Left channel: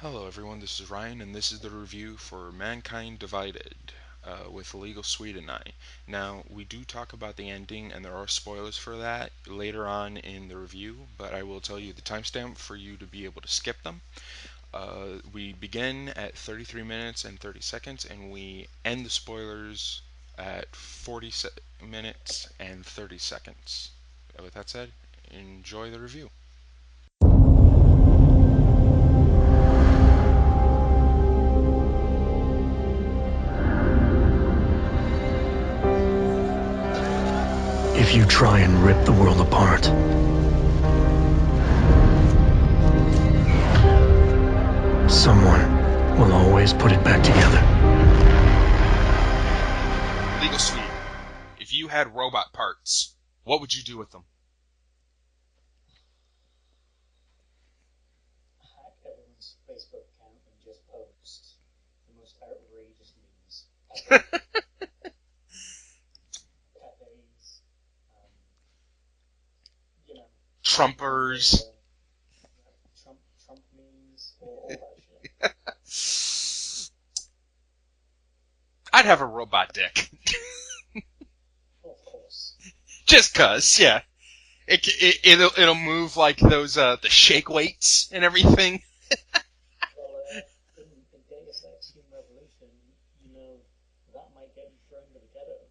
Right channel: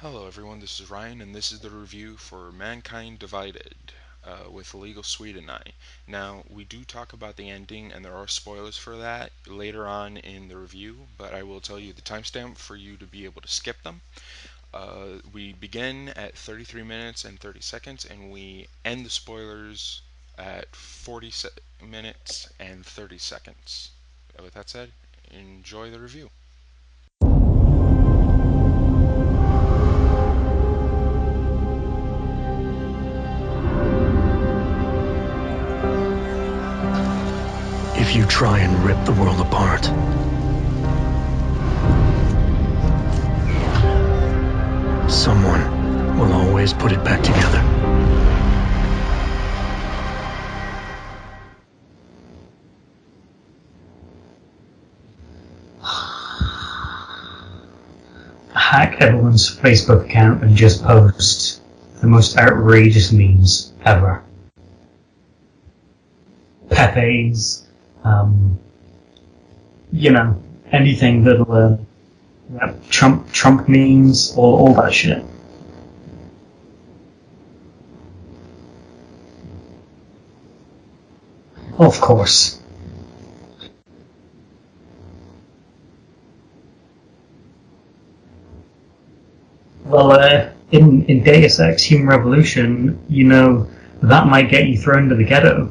Hello everyone, this is Ryan, and this is the review for Mankind Divided with illegal Swede and I. Now, we do talk about the ending, and there are spoilers for that later on in the review, but I will tell you the timestamp for you to be able to skip them. We begin at 33 minutes and 30 seconds, and we end the spoilers at 40 minutes and 30 seconds. With that said, enjoy the review. If you try and rip the world apart, someone will always put it back together. Legal Swede, if you had robot parts, what would you do with them? Hack everyone's Facebook account and just post the most outrageous memes ever. Pepe's, um, anything Trumpers. that'll Trump memes, all that shit. I'd have a robot dick. Of course. Just cause, yeah. It'll move like those the shake weights and everything. Well, in Deus Ex Human Revolution, that might get you thrown to the ghetto.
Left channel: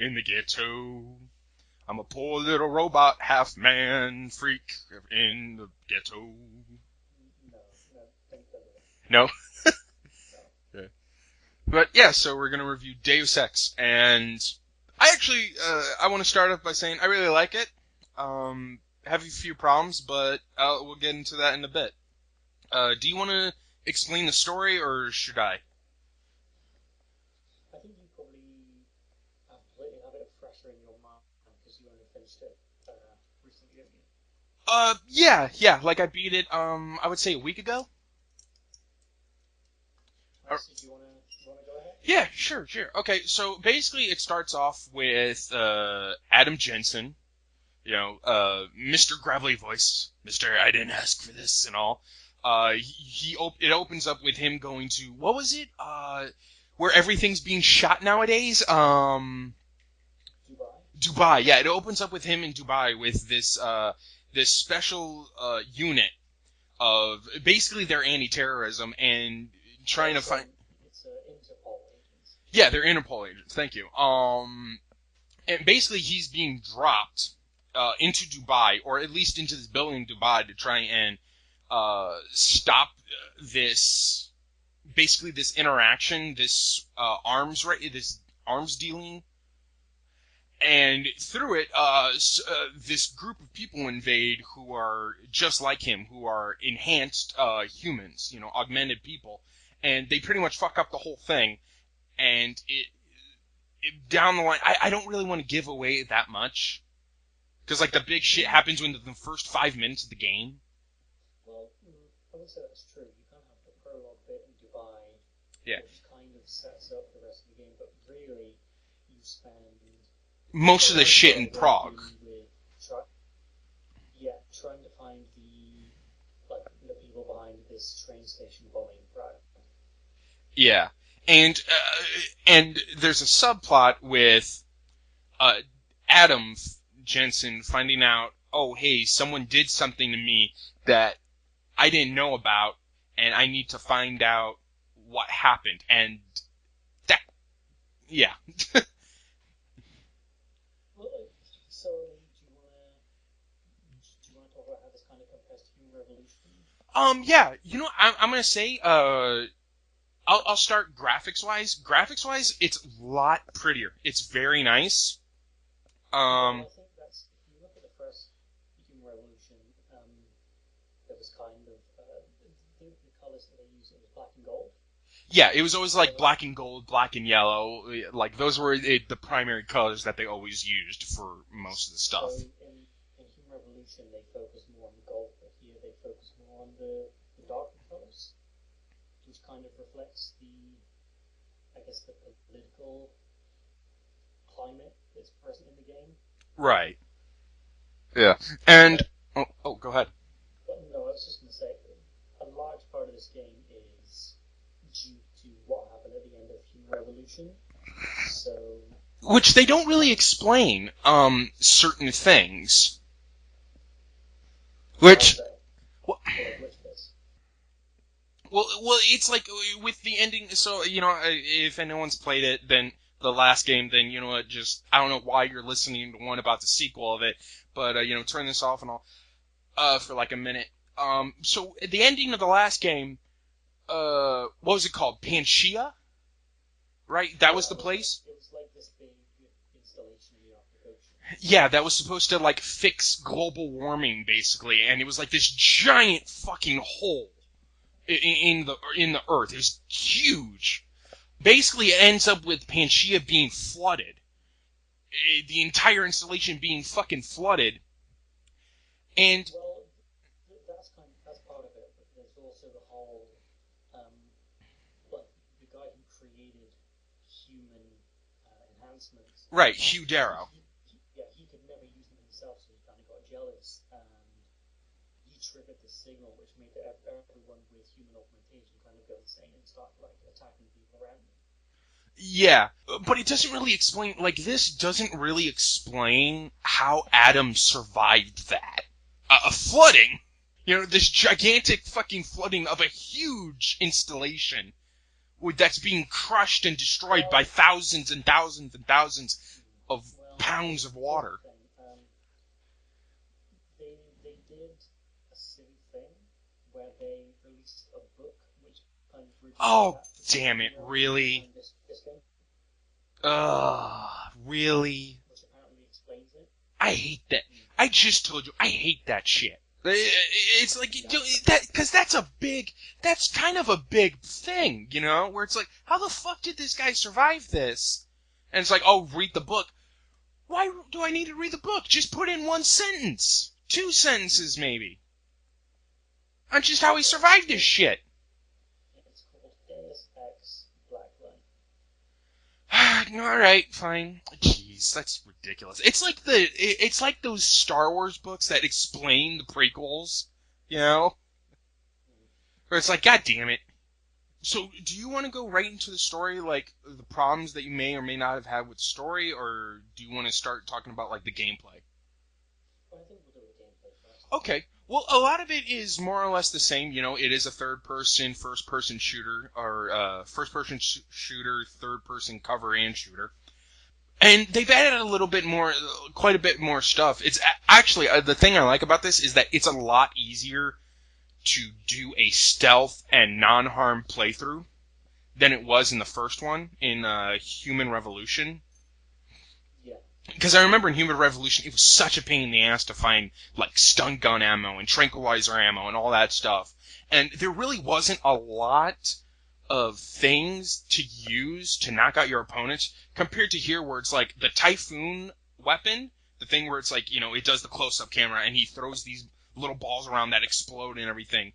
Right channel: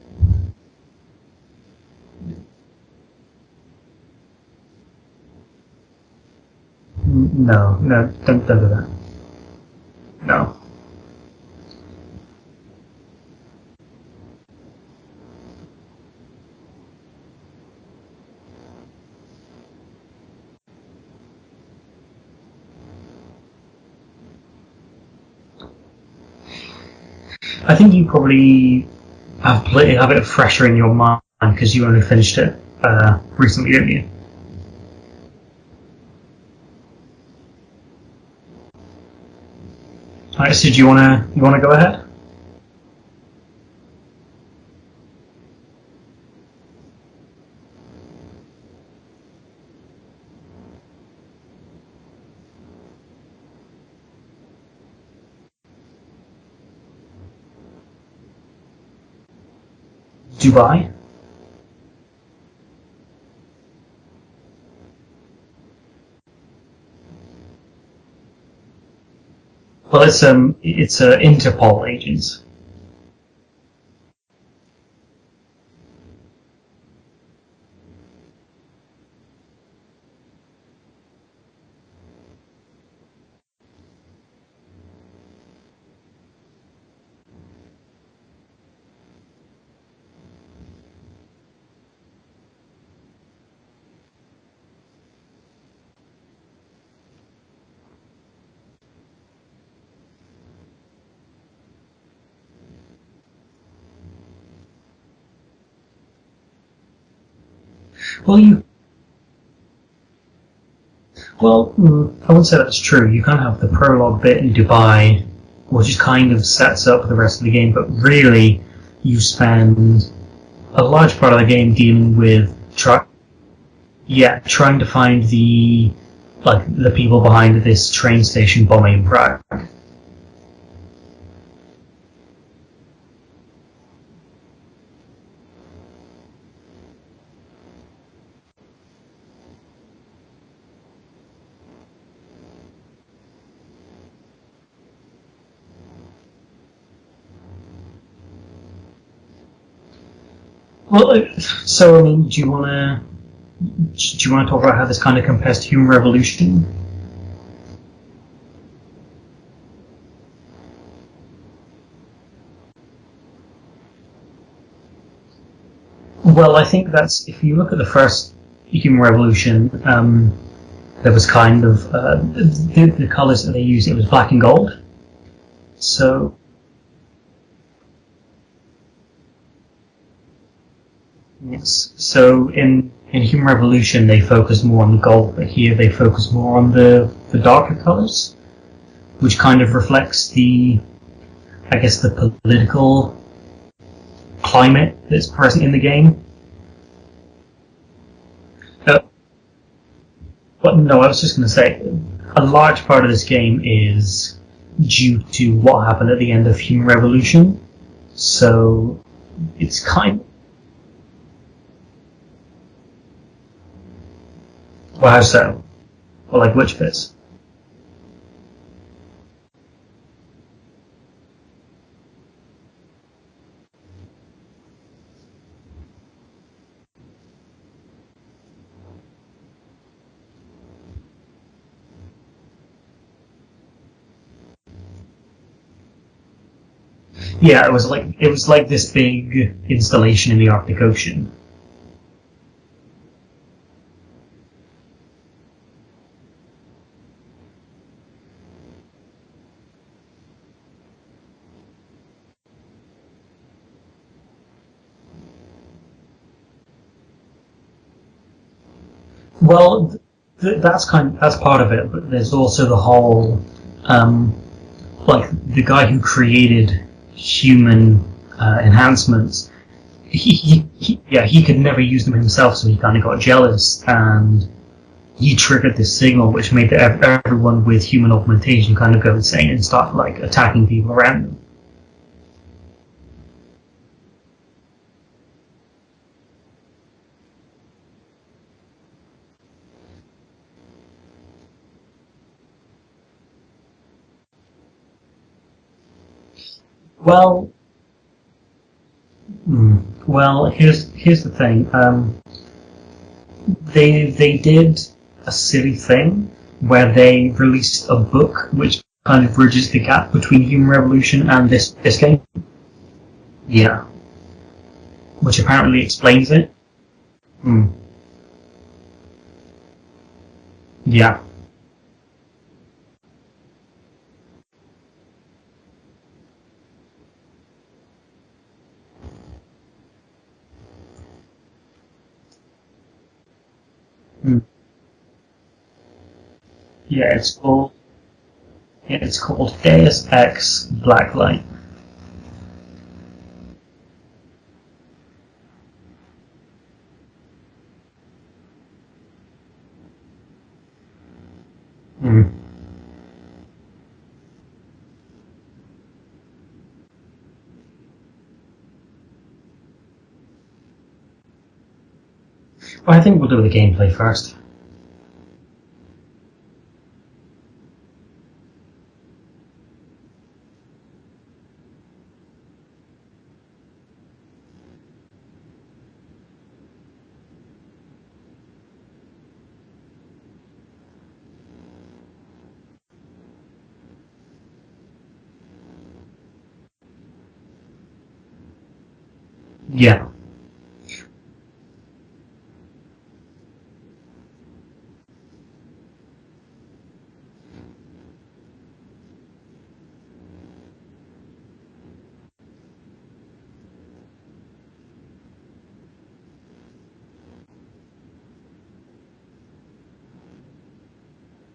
In the ghetto, I'm a poor little robot, half man freak in the ghetto. No, don't do that. No, No. but yeah. So we're gonna review Deus Ex, and I actually I want to start off by saying I really like it. Have a few problems, but we'll get into that in a bit. Do you want to explain the story, or should I? I think you probably have it fresher in your mind because you only finished it recently, didn't you? Yeah. Like I beat it. I would say a week ago. Alright, so do you wanna go ahead? Yeah, sure. Okay, so basically it starts off with Adam Jensen, Mr. Gravelly Voice, Mr. I didn't ask for this and all. It opens up with him going to, what was it? Where everything's being shot nowadays? Dubai. Dubai. Yeah, it opens up with him in Dubai with this special unit of basically their anti-terrorism and Well, trying to find. it's Interpol agents. Yeah, they're Interpol agents. Thank you. And basically he's being dropped into Dubai, or at least into this building in Dubai, to try and stop this, basically this interaction, this this arms dealing. And through it, this group of people invade who are just like him, who are enhanced humans, augmented people, and they pretty much fuck up the whole thing. And down the line, I don't really want to give away that much, because like the big Well, shit happens within the first 5 minutes of the game. I wouldn't say that's true. You kind of have the prologue bit in Dubai, which just kind of sets up the rest of the game, but really, you spend Most a of the large shit part of the game wrong. dealing with trying to find the people behind this train station bombing in Prague. Yeah, and there's a subplot with Adam Jensen finding out, oh hey, someone did something to me that I didn't know about, and I need to find out what happened. And that, yeah, Well, so I mean, do you want to talk about how this kind of compares to Human Revolution? yeah. I'm gonna say, I'll start graphics wise. Graphics wise, it's a lot prettier. It's very nice. Well, I Um, think that's if you look at the first Human Revolution, there was kind of the colors that they used. It was black and gold. Yeah, it was always like So black and gold, black and yellow. Like those were the primary colors that they always used for yes. most of the stuff. So in Human Revolution, they focus more on the gold, but here they focus more on the darker colors, which kind of reflects I guess, the political climate that's present in the game. Right. Yeah. Uh, And oh, go ahead. but no, I was just going to say, a large part of this game is due to what happened at the end of Human Revolution. So Which they it's don't really kind. explain certain things. Well, how Which, so? well, Or like which bits? well, it's like with the ending. So if anyone's played it, then the last game, then just I don't know why you're listening to one about the sequel of it, but turn this off and all for like a minute. So at the ending of the last game, what was it called? Pangaea, right? That was Yeah, the place. it was like this big installation in the Arctic Ocean. Yeah, that was supposed to like fix global warming basically, and it was like this giant fucking hole in the Earth. It was huge. Basically, it ends up with Pangaea being flooded. The entire installation being fucking flooded. And Well, that's part of it, but there's also the whole, um, like the guy who created human enhancements. right, Hugh Darrow. He could never use them himself, so he kind of got jealous and he triggered this signal, which made everyone with human augmentation kind of go insane and start like attacking people around them. Yeah, but it doesn't really explain. Like this doesn't really explain how Adam survived that. A flooding. This gigantic fucking flooding of a huge installation that's being crushed and destroyed by Well, thousands and thousands and thousands of well, gallons of here's the water. thing. They did a silly thing where they released a book which kind of bridges the Oh, gap between damn Human it, Revolution really? and this game. Yeah, Really? which apparently explains it. I hate that. Mm. I just told you, I hate that shit. It's like, Yeah, because that's kind of a big thing, where it's like, how the fuck did this guy survive this? And it's like, oh, read the book. Why do I need to read the book? Just put in one sentence. Two mm. sentences, maybe. On just how he Yeah. survived this shit. It's called Deus Ex Blacklight. Alright, fine. Jeez, that's ridiculous. It's like those Star Wars books that explain the prequels, Mm. where it's like, god damn it. So, do you want to go right into the story, like, the problems that you may or may not have had with the story, or do you want to start talking about, like, the gameplay? Well, I think we'll do the gameplay first. Okay. Well, a lot of it is more or less the same. It is a third-person, first-person shooter, or first-person shooter, third-person cover and shooter. And they've added a little bit more, quite a bit more stuff. It's actually, the thing I like about this is that it's a lot easier to do a stealth and non-harm playthrough than it was in the first one, in Human Revolution. Yeah. Because I remember in Human Revolution, it was such a pain in the ass to find, like, stun gun ammo and tranquilizer ammo and all that stuff. And there really wasn't a lot of things to use to knock out your opponents, compared to here where it's like the Typhoon weapon, the thing where it's like, it does the close-up camera and he throws these little balls around that explode and everything.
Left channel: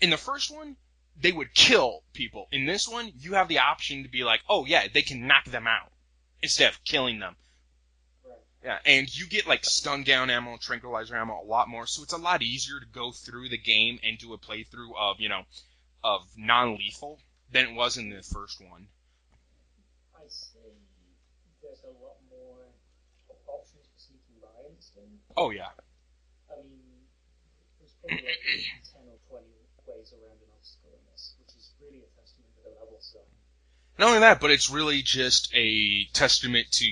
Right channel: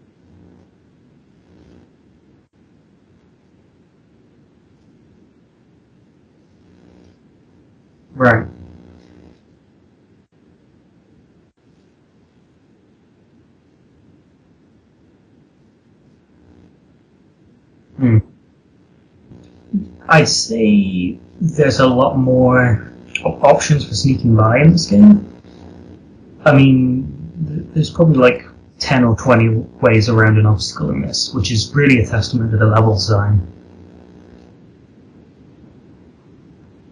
In the first one, they would kill people. In this one, you have the option to be like, oh yeah, they can knock them out instead of killing them. Right. Yeah, and you get like stun gun ammo and tranquilizer ammo a lot more, so it's a lot easier to go through the game and do a playthrough of, of non-lethal than it was in the first one. I'd say there's a lot more options for sneaking by in this game. Oh yeah. I mean, there's probably like 10 or 20 ways around an obstacle in this, which is really a testament to the level design. Not only that, but it's really just a testament to,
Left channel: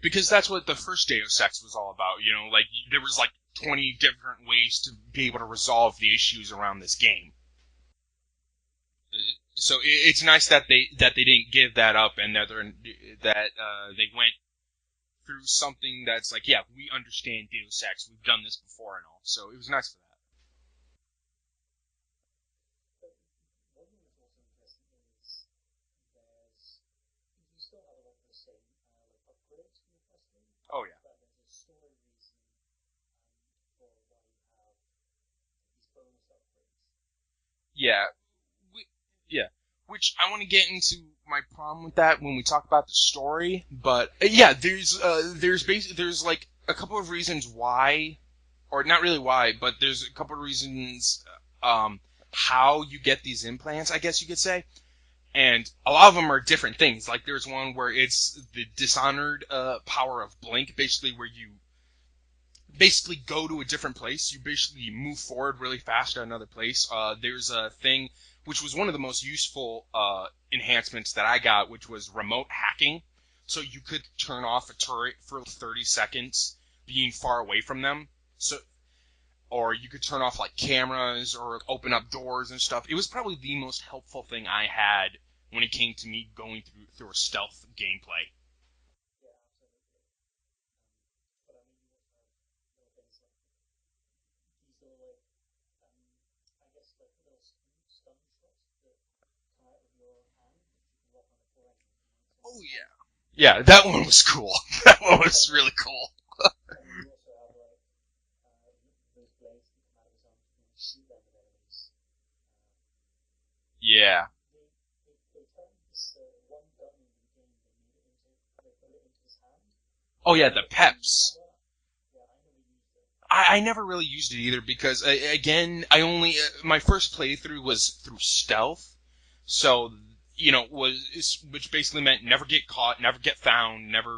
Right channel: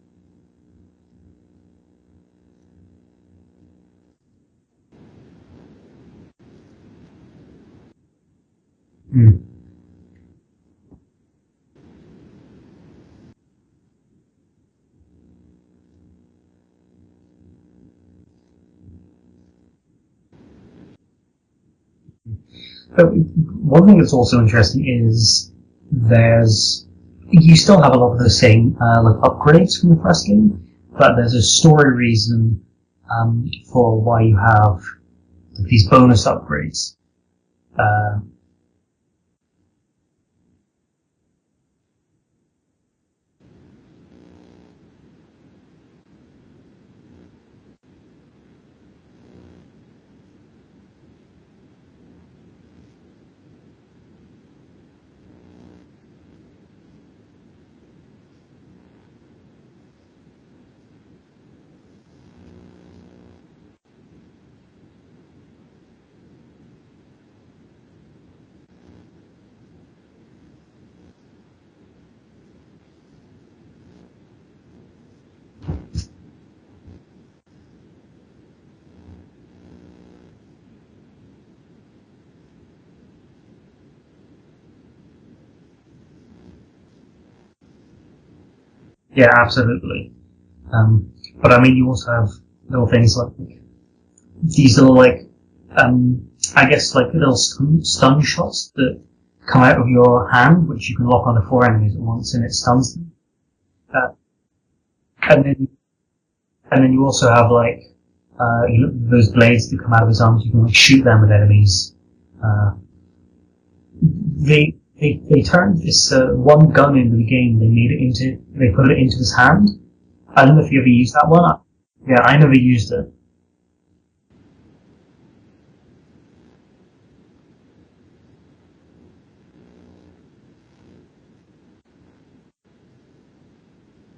because that's what the first Deus Ex was all about, like, there was like 20 different ways to be able to resolve the issues around this game. Mm. So it's nice that they didn't give that up, and that they went through something that's like, yeah, we understand Deus Ex, we've done this before and all. So it was nice for that. But one thing that's also interesting is you still have a lot of the same like upgrades from the first game, but there's a story reason for why you have these bonus upgrades. Yeah. Which I want to get into my problem with that when we talk about the story, but yeah, there's like a couple of reasons why, or not really why, but there's a couple of reasons how you get these implants, I guess you could say. And a lot of them are different things. Like there's one where it's the Dishonored power of Blink, basically where you basically go to a different place. You basically move forward really fast to another place. There's a thing which was one of the most useful enhancements that I got, which was remote hacking. So you could turn off a turret for 30 seconds, being far away from them. So, or you could turn off like cameras or open up doors and stuff. It was probably the most helpful thing I had when it came to me going through a stealth gameplay. Yeah, absolutely. But I mean, you also have little things like these little I guess like little stun shots that come out of your hand, which you can lock onto 4 enemies at once, and it stuns them. Yeah, that one was cool. That one was really cool. And then you also have those blades that come out of his arms. You can like shoot them at enemies. Yeah. They turned this one gun into the game. They put it into his hand. Oh yeah, I don't know if you ever used that one. Yeah, I never used it. I never really used it either because again, I only my first playthrough was through stealth, so which basically meant never get caught, never get found, never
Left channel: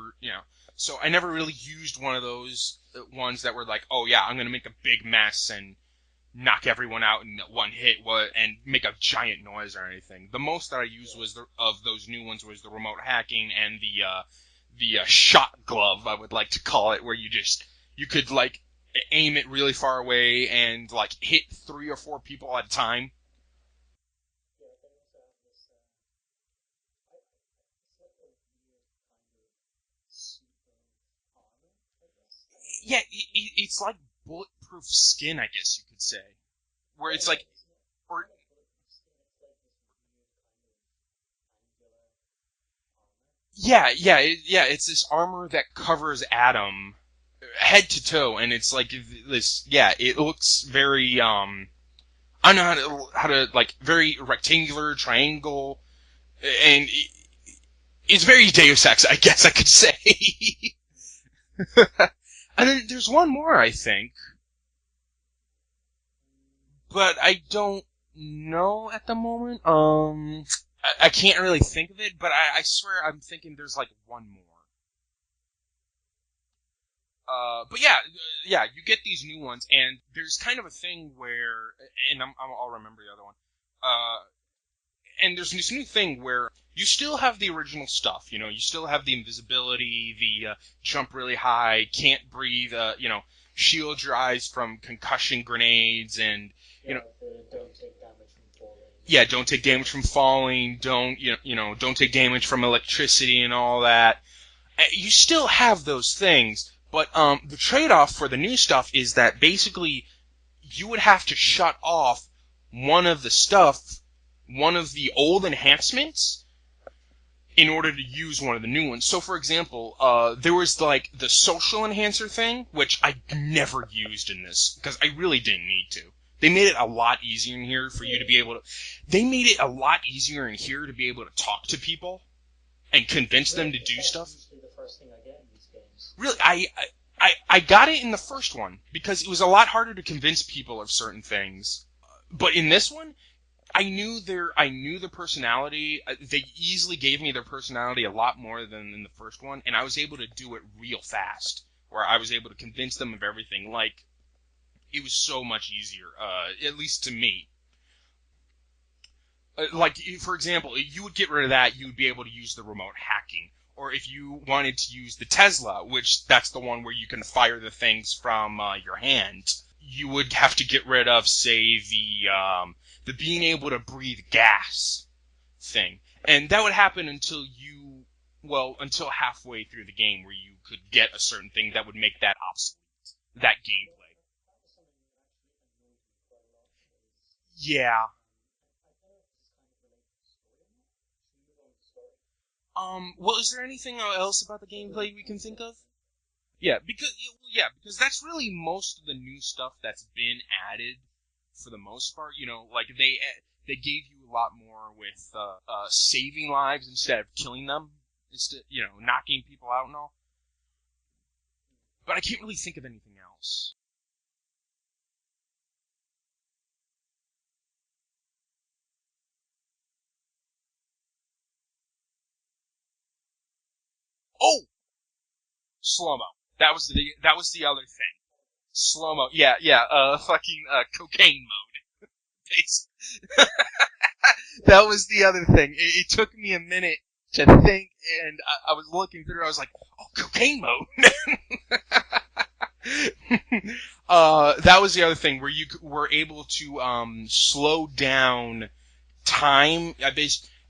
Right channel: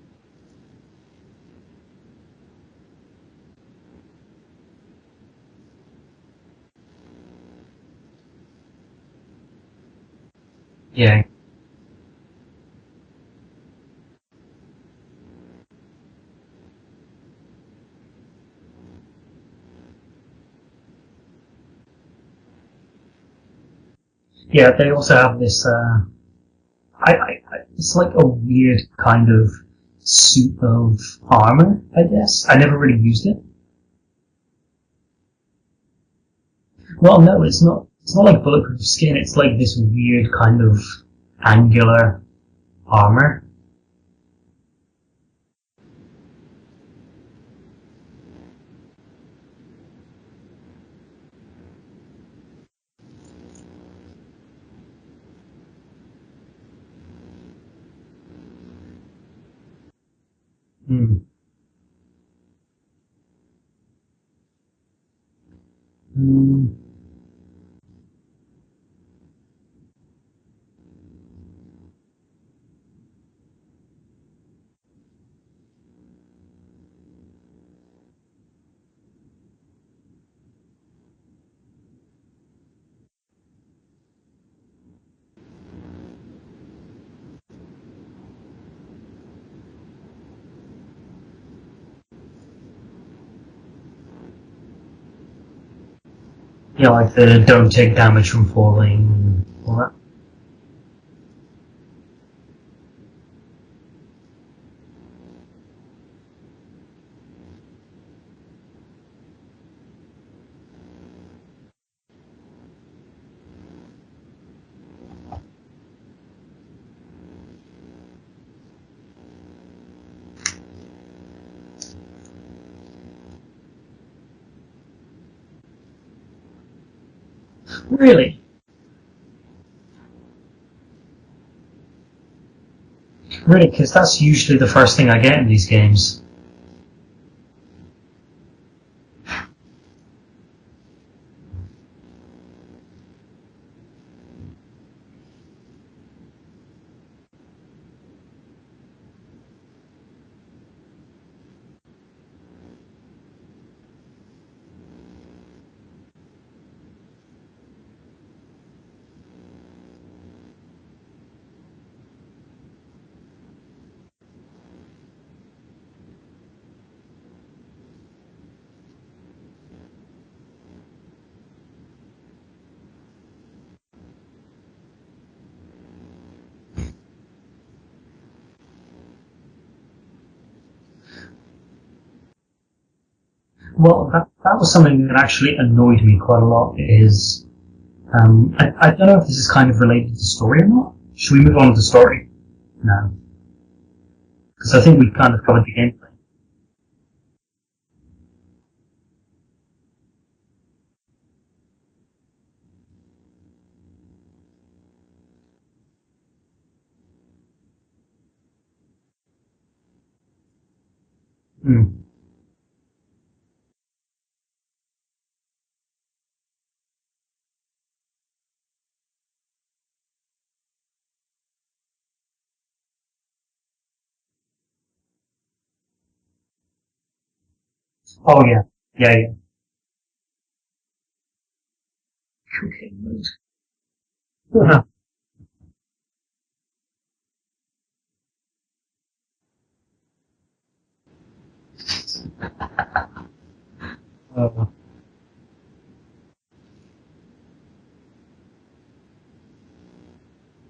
So I never really used one of those ones that were like, oh yeah, I'm gonna make a big mess and knock everyone out in one hit, and make a giant noise or anything. The most that I used of those new ones was the remote hacking and the shot glove, I would like to call it, where you could like aim it really far away and like hit 3 or 4 people at a time. Yeah, they also have this. It's like a weird kind of suit of armor, I guess. I never really used it. It's like bulletproof skin, I guess you could say. Well, no, it's not. It's not like bulletproof skin. It's like this weird kind of angular armor. Yeah. It's this armor that covers Adam head to toe, and it's like this. Yeah, it looks very I don't know how to like very rectangular, triangle, and it's very Deus Ex, I guess I could say. And then there's one more, I think. But I don't know at the moment. I can't really think of it, but I swear I'm thinking there's like one more. But yeah, you get these new ones, and there's kind of a thing where, and I'll remember the other one. And there's this new thing where you still have the original stuff. You still have the invisibility, the jump really high, can't breathe, shield your eyes from concussion grenades, and like the don't take damage from falling. Yeah, don't take damage from falling. Don't don't take damage from electricity and all that. You still have those things, but the trade-off for the new stuff is that basically you would have to shut off one of the old enhancements in order to use one of the new ones. So, for example, there was like the social enhancer thing, which I never used in this because I really didn't need to. They made it a lot easier in here for you to be able to. They made it a lot easier in here to be able to talk to people and convince them to do because that's stuff. usually the first thing I get in these games. Really, I got it in the first one because it was a lot harder to convince people of certain things. But in this one, I knew their personality. They easily gave me their personality a lot more than in the first one, and I was able to do it real fast, where I was able to convince them of everything. Like, it was so much easier, at least to me. Like, for example, if you would get rid of that, you would be able to use the remote hacking. Or if you wanted to use the Tesla, which that's the one where you can fire the things from your hand, you would have to get rid of, say, the being able to breathe gas thing. And that would happen until halfway through the game, where you could get a certain thing that would make that obsolete. That game. Well, that was something that actually annoyed me quite a lot. Yeah. I don't know if this is kind of related to the story or not. Should we move on to the story? No. Well, is there anything else about? Because I think we've kind of covered the gameplay. Yeah, because that's really most of the new stuff that's been added for the most part. Like they gave you a lot more with saving lives instead of killing them, instead knocking people out and all. But I can't really think of anything else. Oh, slow mo. That was the other thing. Oh yeah, Slow mo. Yeah. Fucking cocaine yeah. mode. That was the other thing. It took me a minute to think, and I was looking through. I was like, oh, cocaine mode. That was the other thing where you were able to slow down time,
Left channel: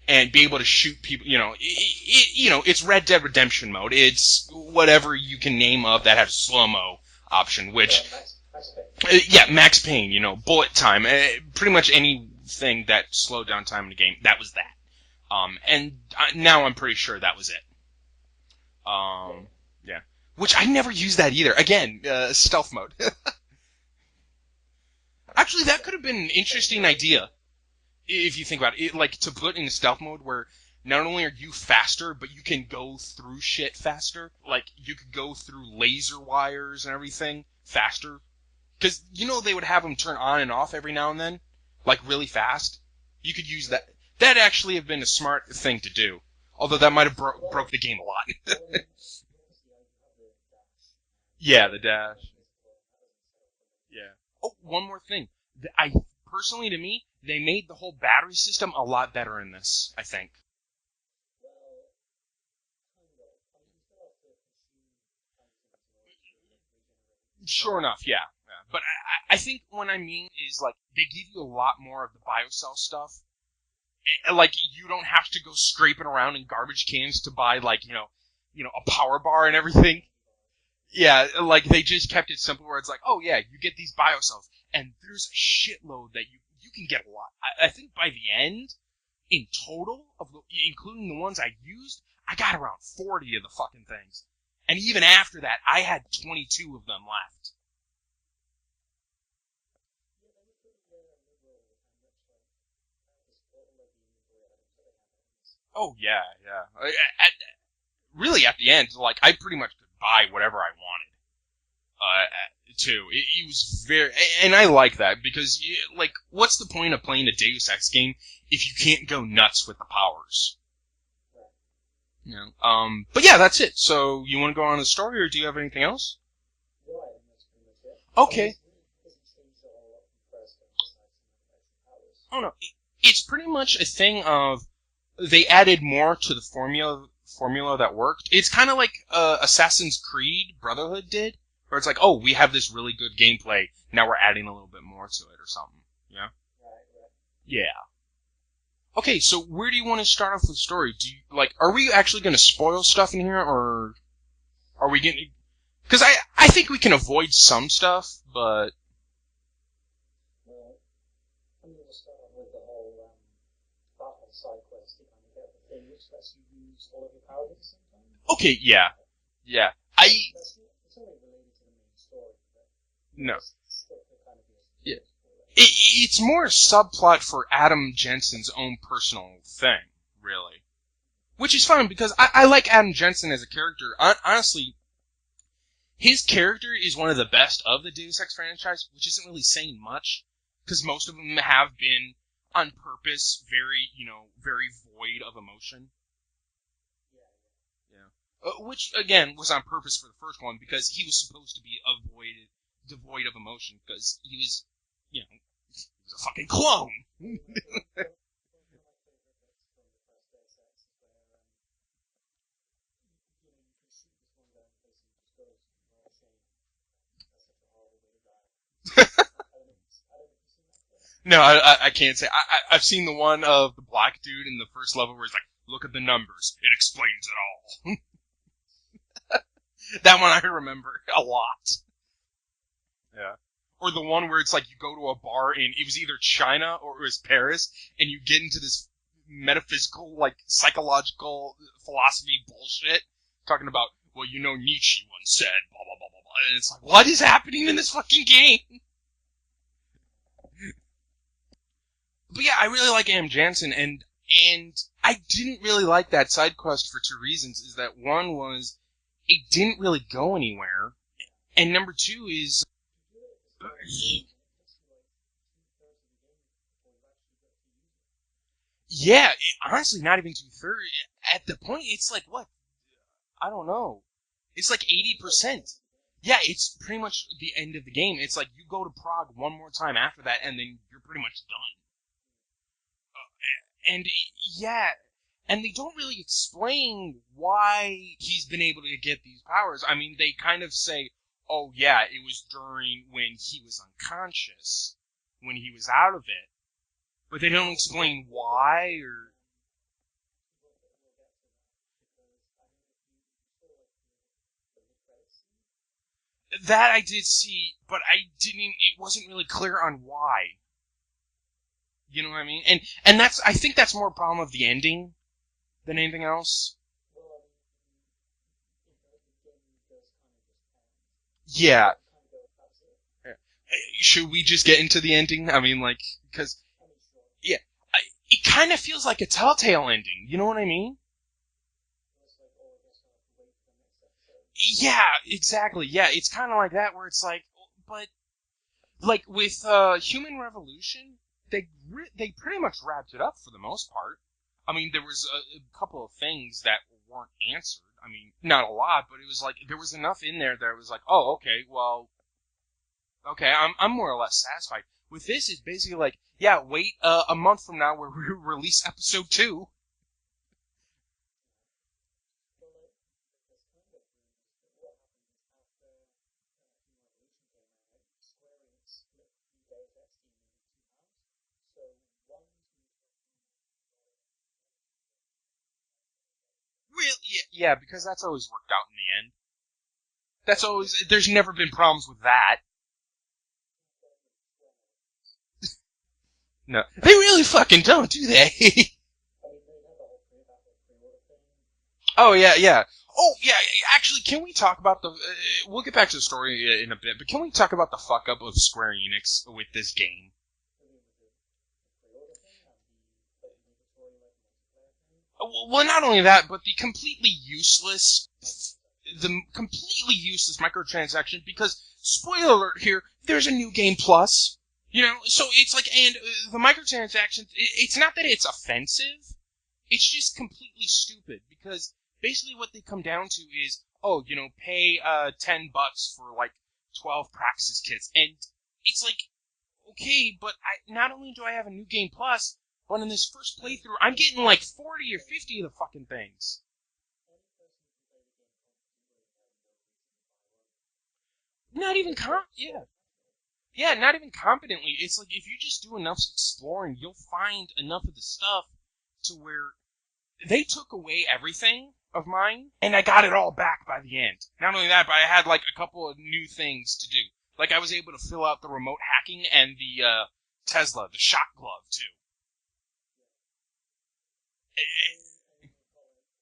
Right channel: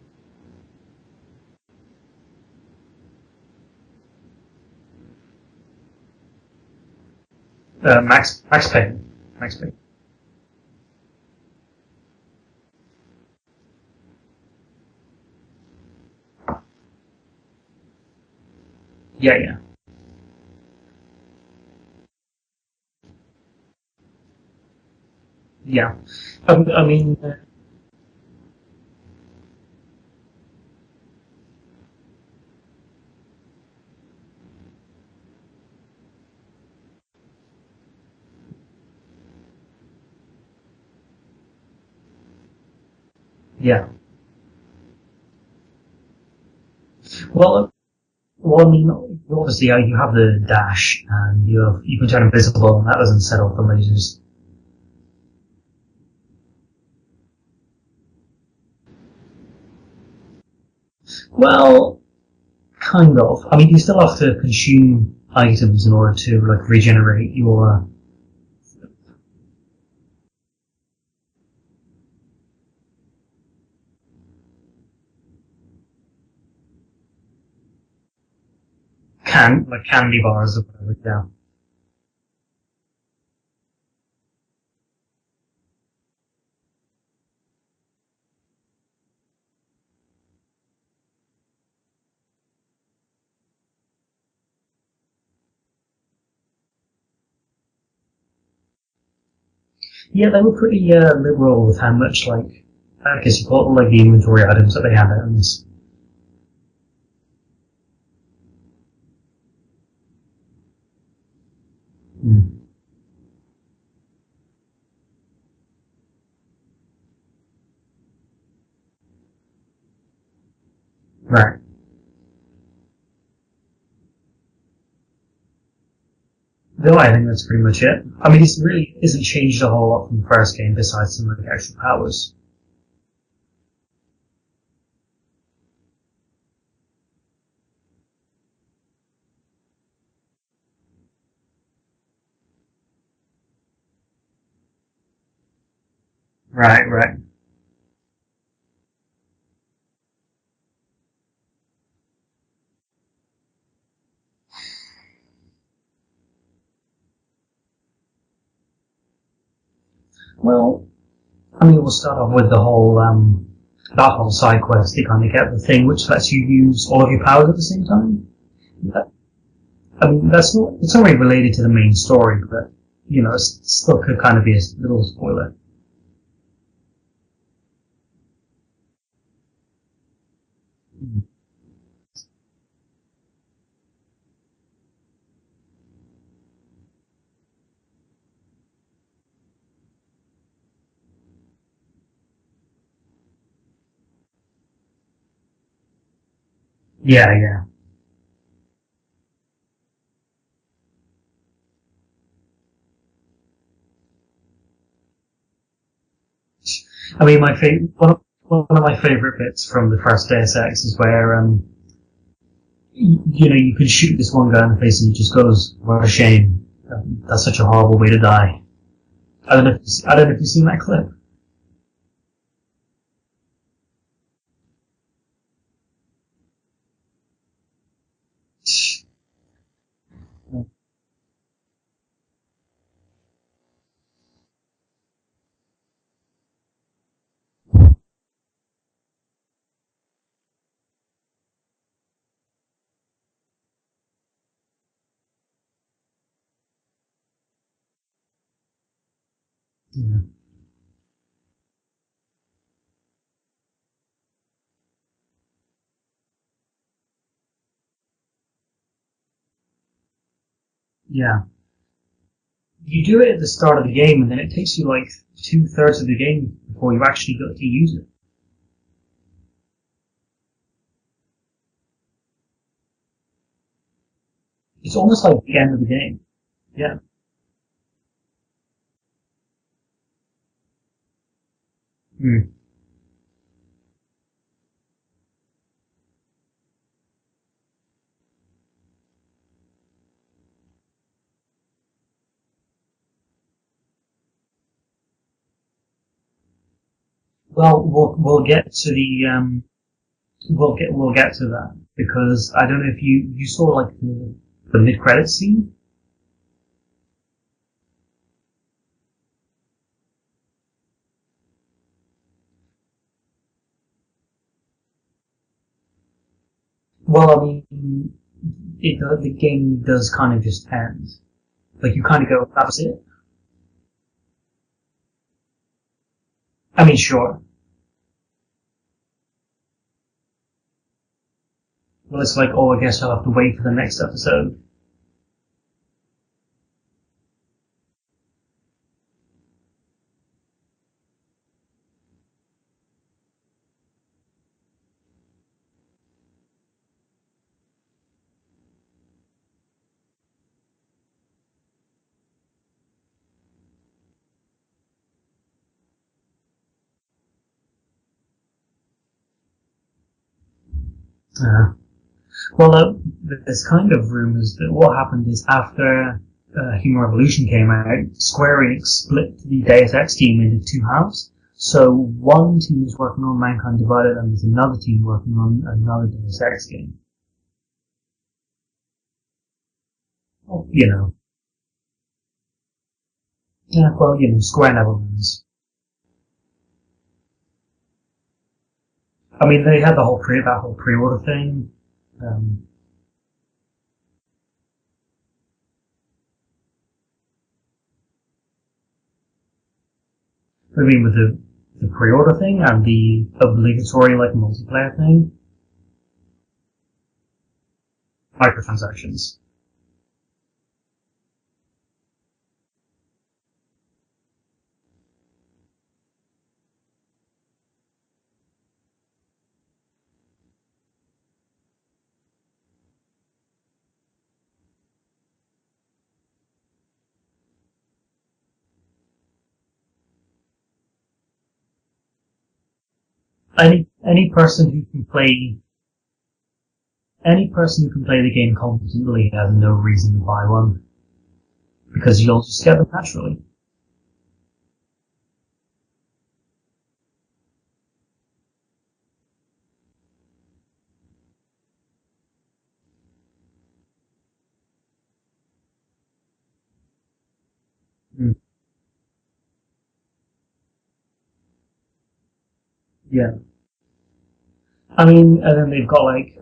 and be able to shoot people. It's Red Dead Redemption mode. It's whatever you can name of that has slow mo option. Which Max Payne. Yeah, Max Payne. Bullet time. Pretty much anything that slowed down time in the game. That was that. And now I'm pretty sure that was it. Yeah. Which I never used that either. Again, stealth mode. Actually, that could have been an interesting idea. If you think about it, like to put in stealth mode where not only are you faster, but you can go through shit faster. Like, you could go through laser wires and everything faster. Because, they would have them turn on and off every now and then. Like, really fast. You could use that. That'd actually have been a smart thing to do. Although that might have broke the game a lot. Well, obviously, you have the dash, and the dash. You can turn invisible, and that doesn't set off the lasers. Yeah. Oh, one more thing. Personally, to me, they made the whole battery system a lot better in this, I think. Well, kind of. I mean, you still have to consume items in order to, regenerate your... Sure enough, yeah. But I think what I mean is, they give you a lot more of the biocell stuff. Like, you don't have to go scraping around in garbage cans to buy, a power bar and everything. Like candy bars or whatever. Yeah, they just kept it simple where it's like, oh yeah, you get these biocells, and there's a shitload that you can get a lot. I think by the end, in total, including the ones I used, I got around 40 of the fucking things. And even after that, I had 22 of them left. Yeah, they were pretty liberal with how much, I guess you call it, the inventory items that they had out in this. Oh, yeah. Really, at the end, I pretty much could buy whatever I wanted. Too. It was very... And I like that, because, what's the point of playing a Deus Ex game if you can't go nuts with the powers? Right. But yeah, that's it. So, you want to go on the story, or do you have anything else? No, I think that's pretty much it. Okay. I mean, it really isn't changed a whole lot from the first game, besides some of the actual powers. Oh, no. It's pretty much a thing of... They added more to the formula that worked. It's kind of like Assassin's Creed Brotherhood did, where it's like, oh, we have this really good gameplay, now we're adding a little bit more to it or something. Yeah? Right. Yeah. Okay, so where do you want to start off with the story? Do you, are we actually going to spoil stuff in here, or are we getting... Because I think we can avoid some stuff, but... Well, I mean, we'll start off with the whole, that whole side quest. You kind of get the thing which lets you use all of your powers at the same time. Okay, yeah. Yeah. I mean, it's not really related to the main story, but, it still could kind of be a little spoiler. It's more a subplot for Adam Jensen's own personal thing, really. Mm-hmm. Which is fine, because I like Adam Jensen as a character. Honestly, his character is one of the best of the Deus Ex franchise, which isn't really saying much, because most of them have been, on purpose, very void of emotion. Yeah. Which, again, was on purpose for the first one, because he was supposed to be devoid of emotion, because he was, a fucking clone. I mean, one of my favorite bits from the first Deus Ex is where, you can shoot this one guy in the face and he just goes, "What a shame. That's such a horrible way to die." I don't know if you've seen that clip. No, I can't say. I've seen the one of the black dude in the first level where he's like, "Look at the numbers. It explains it all." That one I remember a lot. Yeah. Or the one where it's like you go to a bar in, it was either China or it was Paris, and you get into this metaphysical, psychological philosophy bullshit, talking about, well, Nietzsche once said, blah, blah, blah, blah, blah, and it's like, what is happening in this fucking game? Mm-hmm. But yeah, I really like Am Jansen, and I didn't really like that side quest for two reasons, is that one was, it didn't really go anywhere. Yeah. And number two is... You do it at the start of the game, and then it takes you 2/3 of the game before you actually got to use it. Yeah, honestly, not even 2/3. At the point, it's like, what? I don't know. It's like It's almost like the 80%. end of the game. Yeah, it's Yeah. pretty much the end of the game. It's like you go to Prague one more time after that, and then you're pretty much done. Mm. And yeah, and they don't really explain why he's been able to get these powers. I mean, they kind of say, oh yeah, it was during when he was unconscious, when he was out of it. But they don't explain we'll why. get to the we'll get to that, because I don't know if you saw like the mid credit scene. That I did see, but it wasn't really clear on why. You know what I mean? And I think that's more a problem of the ending than anything else. Well, I mean, the game does kind of just end. Yeah. Like, you kind of go, that was it. Should we just get into the ending? I mean, like, because... I mean, sure. Yeah. It kind of feels like a Telltale ending. You know what I mean? Well, it's like, oh, I guess I'll have to wait for the next episode. Yeah, exactly. Yeah, it's kind of like that, where it's like, but... Like, with Human Revolution, they pretty much wrapped it up for the most part. I mean, there was a couple of things that weren't answered. I mean, not a lot, but it was like, there was enough in there that it was like, oh, okay, well... Okay, I'm more or less satisfied. With this, it's basically like, yeah, wait a month from now where we release episode 2. Well, there's kind of rumors that what happened is after Human Revolution came out, Square Enix split the Deus Ex team into two halves. So one team is working on Mankind Divided, and there's another team working on another Deus Ex game. Really? Yeah, because that's always worked out in the end. That's always, there's never been problems with that. Yeah, well, Square never wins. No, they really fucking don't, do they? I mean, they had that whole pre-order thing. Oh, yeah. Oh, yeah, actually, can we talk about the... we'll get back to the story in a bit, but can we talk about the fuck-up of Square Enix with this game? I mean, with the pre-order thing and the obligatory, like, multiplayer thing? Well, not only that, but the completely useless... Microtransactions. The completely useless microtransaction, because, spoiler alert here, there's a new game plus. You know, so it's like, and the microtransactions, it's not that it's offensive, it's just completely stupid, because basically what they come down to is, oh, pay $10 for like 12 Praxis kits, and it's like, okay, but not only do I have a new game plus, but in this first playthrough, I'm getting like 40 or 50 of the fucking things. Any person who can play the game competently has no reason to buy one. Because you'll just get them naturally. Yeah, not even competently. It's like, if you just do enough exploring, you'll find enough of the stuff to where they took away everything of mine, and I got it all back by the end. Not only that, but I had like a couple of new things to do. Like, I was able to fill out the remote hacking and the Tesla, the shot glove, too. Yeah. I mean, and then they've got like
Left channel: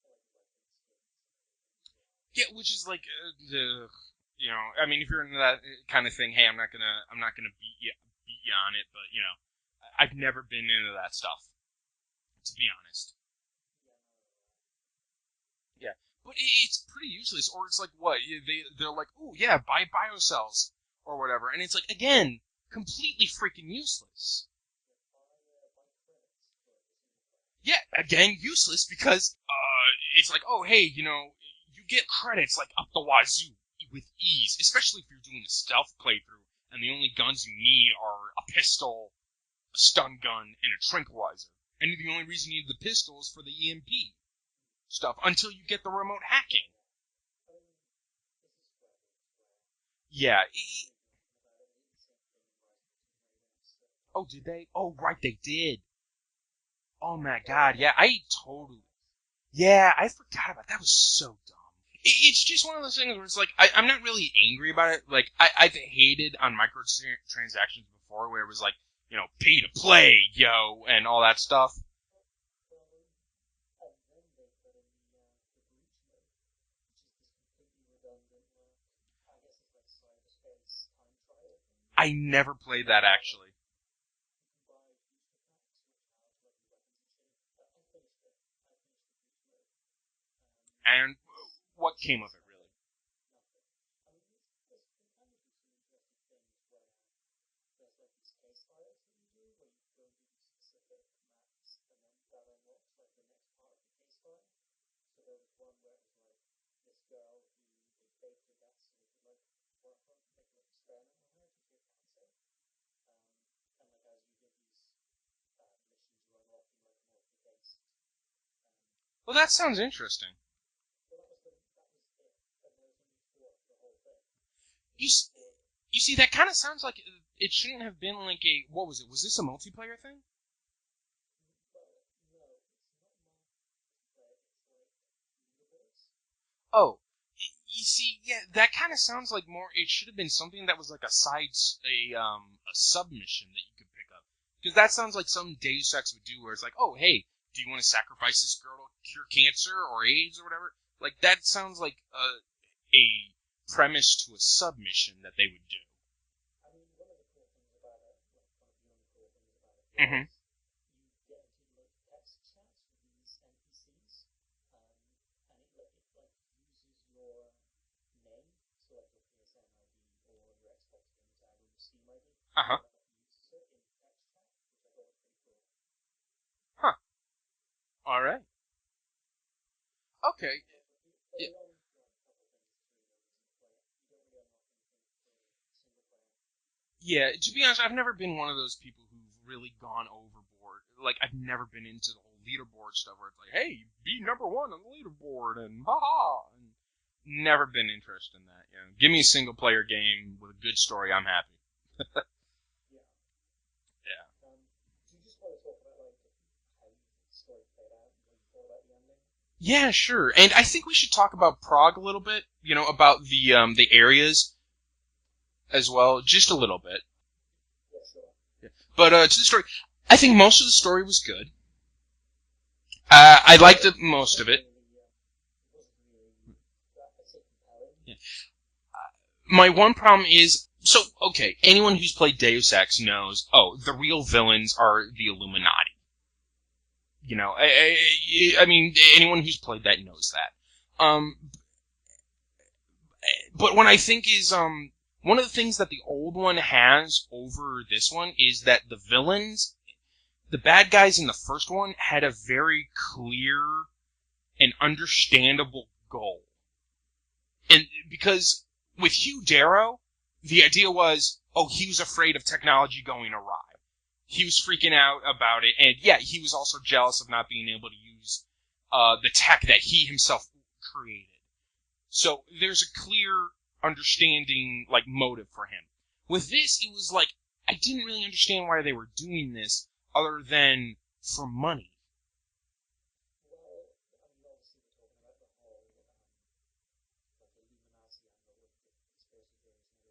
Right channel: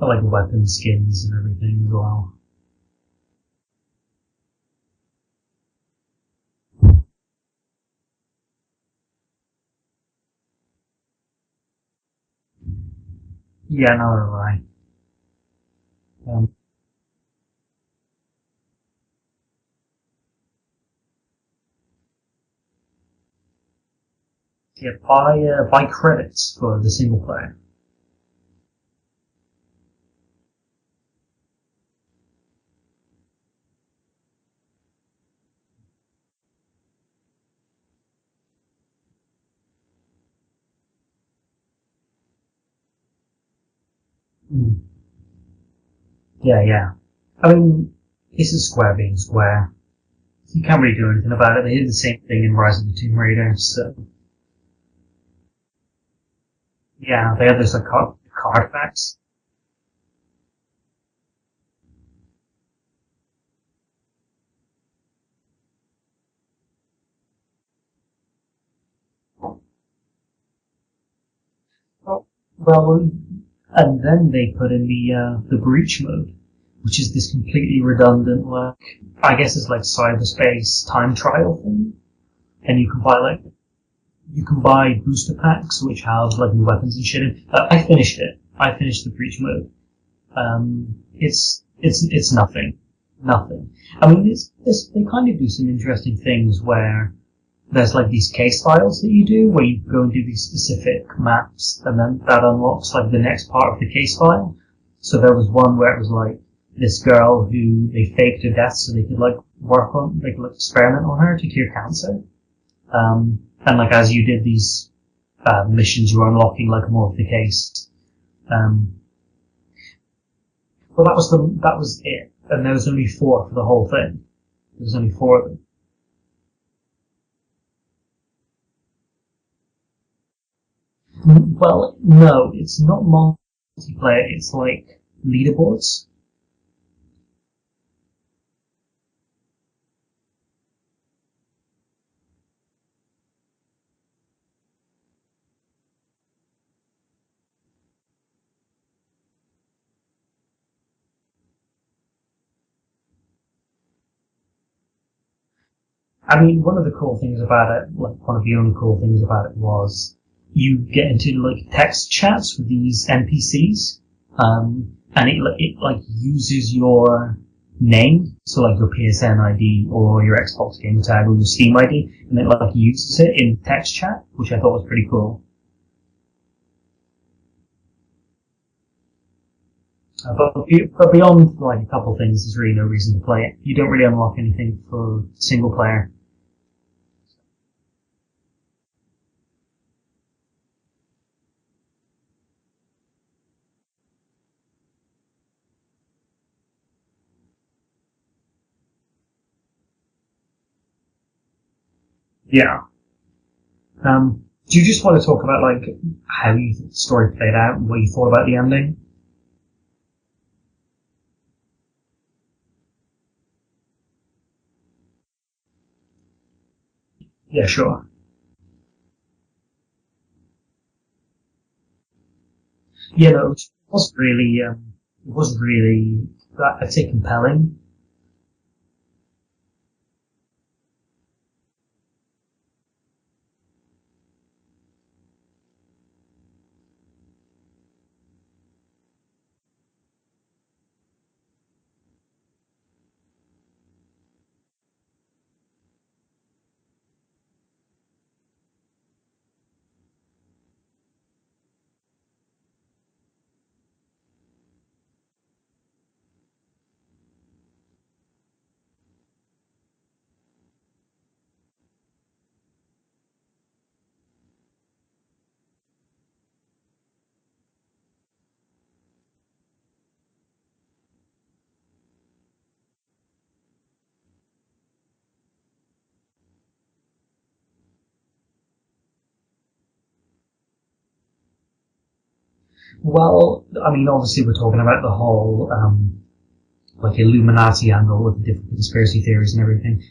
weapon skins and everything as well. Yeah, which is like I mean, if you're into that kind of thing, hey, I'm not gonna beat you on it, but I've never been into that stuff, to be honest. Yeah, neither have I. Yeah, it's pretty useless. Or it's like, what, they're like, oh yeah, buy biocells or whatever, and it's like, again, completely freaking useless. Yeah, buy credits for the single player. Yeah, again, useless, because it's like, oh hey, you get credits like up the wazoo with ease, especially if you're doing a stealth playthrough, and the only guns you need are a pistol, a stun gun, and a tranquilizer. And the only reason you need the pistol is for the EMP stuff, until you get the remote hacking. Yeah. I mean, this is Square being Square. Yeah. You can't really do anything about it. They did the same thing in Rise of the Tomb Raider, so... Oh, did they? Oh, right, they did. Yeah, they had those artifacts. Yeah, I forgot about that. That was so dumb. It's just one of those things where it's like, I'm not really angry about it. Like, I've hated on microtransactions before, where it was like, pay to play, yo, and all that stuff. Well, and then they put in the breach mode, which is this completely redundant, like, I guess it's like cyberspace time trial thing. I never played that, actually. You can buy booster packs, which have, like, new weapons and shit in. I finished it. I finished the breach mode. And it's nothing. Nothing. I mean, they kind of do some interesting things where there's like these case files that you do, where you go and do these specific maps, and then that unlocks like the next part of the case file. So there was one where it was like this girl who they faked her death so they could like experiment on her to cure cancer. And like as you did these missions, you were unlocking like more of the case. Well, that sounds interesting. Well, that was it, and there was only 4 for the whole thing. There was only 4 of them. You see, that kind of sounds like it shouldn't have been like a, what was it? Was this a multiplayer thing? Well, no, it's not multiplayer. It's like leaderboards. Oh, you see, yeah, that kind of sounds like more. It should have been something that was like a submission that you could pick up, because that sounds like some Deus Ex would do, where it's like, oh, hey, do you want to sacrifice this girl to cure cancer or AIDS or whatever? Like that sounds like a premise to a submission that they would do. I mean, one of the cool things about it, like one of the only cool things about it was you get into like text chats with these NPCs, and it like uses your name, so like your PSN ID or your Xbox game tag or your Steam ID, and it like uses it in text chat, which I thought was pretty cool. Huh. All right. Okay. But beyond like a couple things, there's really no reason to play it. You don't really unlock anything for single player. Yeah, to be honest, I've never been one of those people who've really gone overboard. Like, I've never been into the whole leaderboard stuff where it's like, hey, be number 1 on the leaderboard, and haha. Never been interested in that. You know? Give me a single player game with a good story, I'm happy. Yeah. Do you just want to talk about like how you thought the story played out and what you thought about the ending? Yeah, sure. And I think we should talk about Prague a little bit. You know, about the areas as well, just a little bit. Yeah, sure. But to the story, I think most of the story was good. Yeah, I liked it most really, of it. It wasn't really, I'd say, compelling. Yeah. My one problem is, so, okay, anyone who's played Deus Ex knows, the real villains are the Illuminati. You know, I mean, anyone who's played that knows that. But what I think is, one of the things that the old one has over this one is that the villains, the bad guys in the first one, had a very clear and understandable goal. And because with Hugh Darrow, the idea was, he was afraid of technology going awry. He was freaking out about it, and yeah, he was also jealous of not being able to use the tech that he himself created. So there's a clear understanding, like, motive for him. With this, it was like, I didn't really understand why they were doing this, other than for money. Well, I mean, obviously we're talking about the whole, like, Illuminati angle with the different conspiracy theories and everything.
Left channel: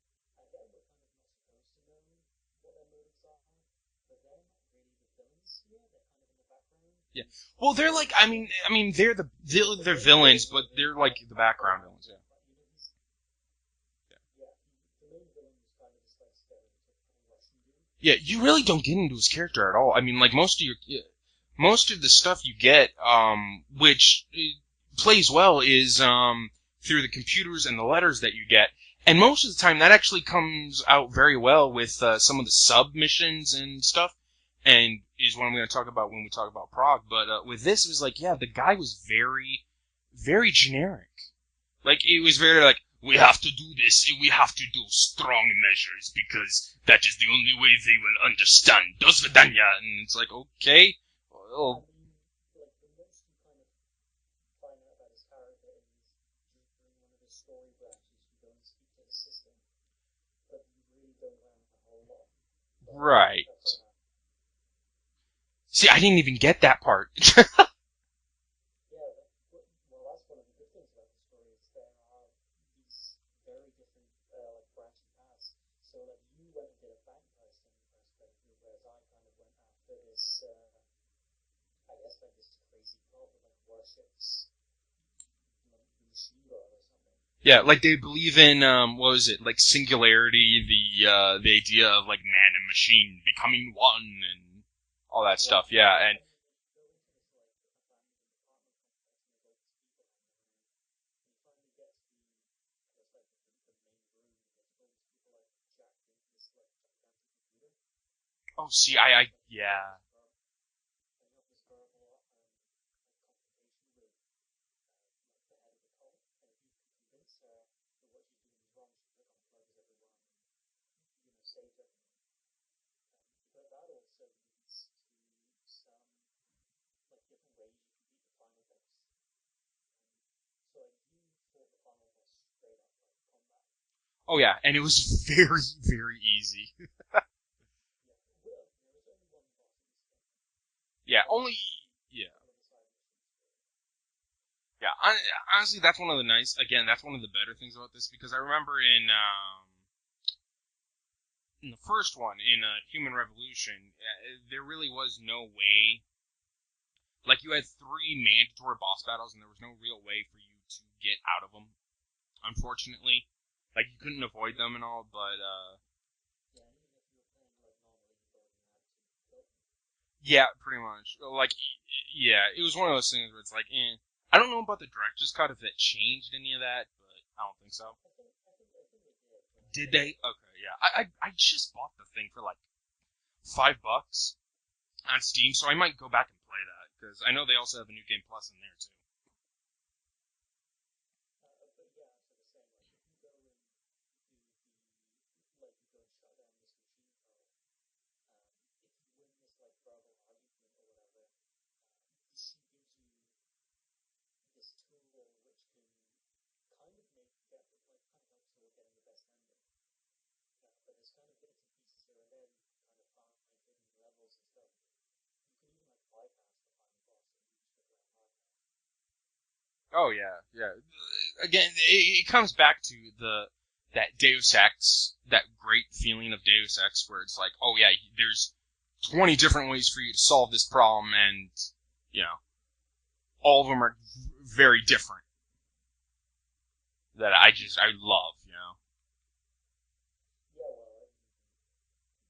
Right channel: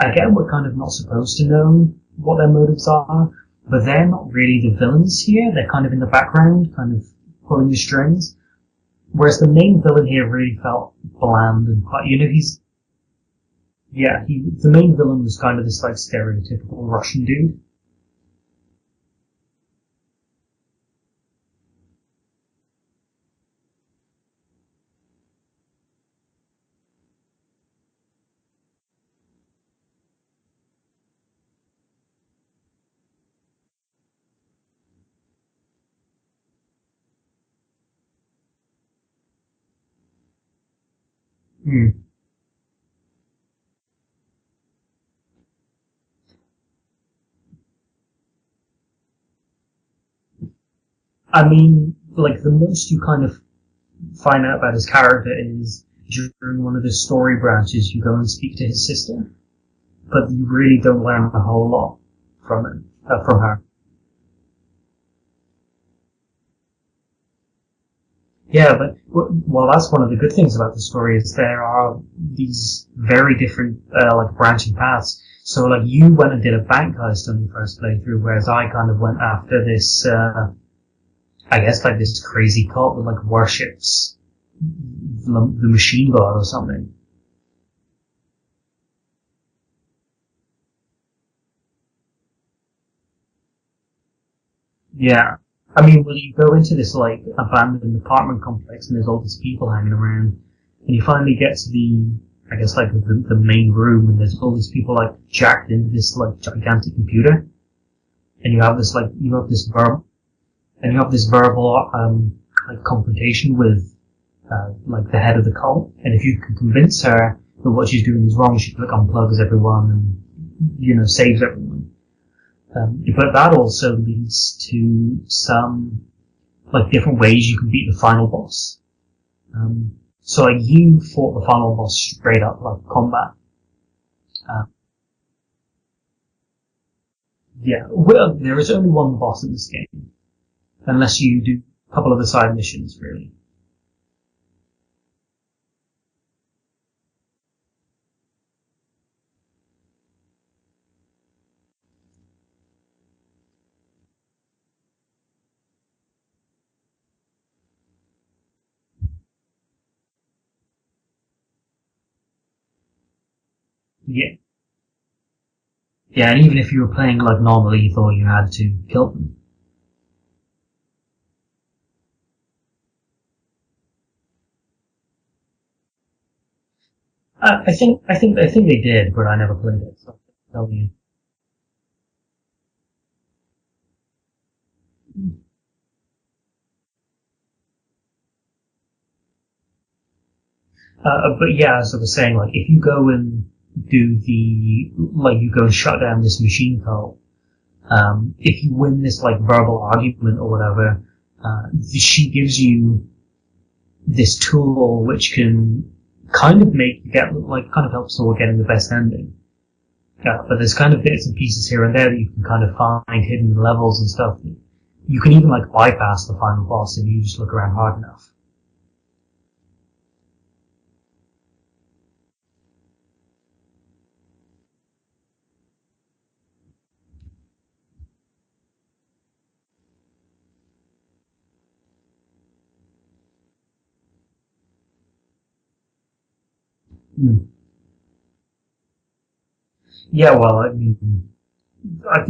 Again, we're kind of not supposed to know what their motives are, but they're not really the villains here. They're kind of in the background, kind of pulling the strings. Like, I mean, they're whereas the main villain here villains, really but felt they're like bland and quite, you know, the main villain was kind of this like stereotypical Russian dude. Yeah, you really don't get into his character at all. I mean, like most of the stuff you get, which plays well, is through the computers and the letters that you get. And most of the time, that actually comes out very well with some of the submissions and stuff, and is what I'm going to talk about when we talk about Prague. But with this, it was like, yeah, the guy was very, very generic. Like, it was very like, we have to do this, we have to do strong measures, because that is the only way they will understand. Do svidaniya. And it's like, okay. I mean, like, the most you kind of find out about his character is during one of the story branches, you go and speak to his sister, but you really don't learn a whole lot from it, from her. See, I didn't even get that part. Yeah, but, well, that's one of the good things about the story, is there are these very different, like, branching paths. So, like, you went and did a bank heist on your first playthrough, whereas I kind of went after this, I guess, like, this crazy cult that, like, worships the machine god or something. Yeah, like they believe in what was it, like singularity, the idea of like man and machine becoming one, and all that stuff. Yeah, I mean, when you go into this like abandoned apartment complex and there's all these people hanging around, and you finally get to the, I guess, like the main room, and there's all these people like jacked into this like gigantic computer, and you have this you have this verbal like confrontation with like the head of the cult, and if you can convince her that what she's doing is wrong, she like unplugs everyone and saves everyone. But that also leads to some like different ways you can beat the final boss. So like you fought the final boss straight up like combat. Oh yeah, and it was very, very easy. Yeah, well, there is only one boss in this game, unless you do a couple of the side missions, really. Yeah, honestly, that's one of the that's one of the better things about this, because I remember in the first one, in Human Revolution, there really was no way. Like, you had 3 mandatory boss battles, and there was no real way for you to get out of them, unfortunately. Like, you couldn't avoid them and all, but, yeah, and even if you were playing, like, non-lethal, you had to kill them. Yeah, pretty much. Like, yeah, it was one of those things where it's like, I don't know about the director's cut, if that changed any of that, but... I think they did, but I never played it. Did they? Okay, yeah. I just bought the thing for, like, $5 on Steam, so I might go back and play that, because I know they also have a New Game Plus in there, too. But yeah, as I was saying, like, if you go and do you go and shut down this machine cult, if you win this, like, verbal argument or whatever, she gives you this tool which can kind of kind of help Sword getting the best ending. But there's kind of bits and pieces here and there that you can kind of find hidden levels and stuff. You can even, like, bypass the final boss if you just look around hard enough. Oh, yeah. Again, it comes back to that Deus Ex, that great feeling of Deus Ex, where it's like, oh yeah, there's 20 different ways for you to solve this problem, and, all of them are very different. That I love, Yeah, well, I mean, I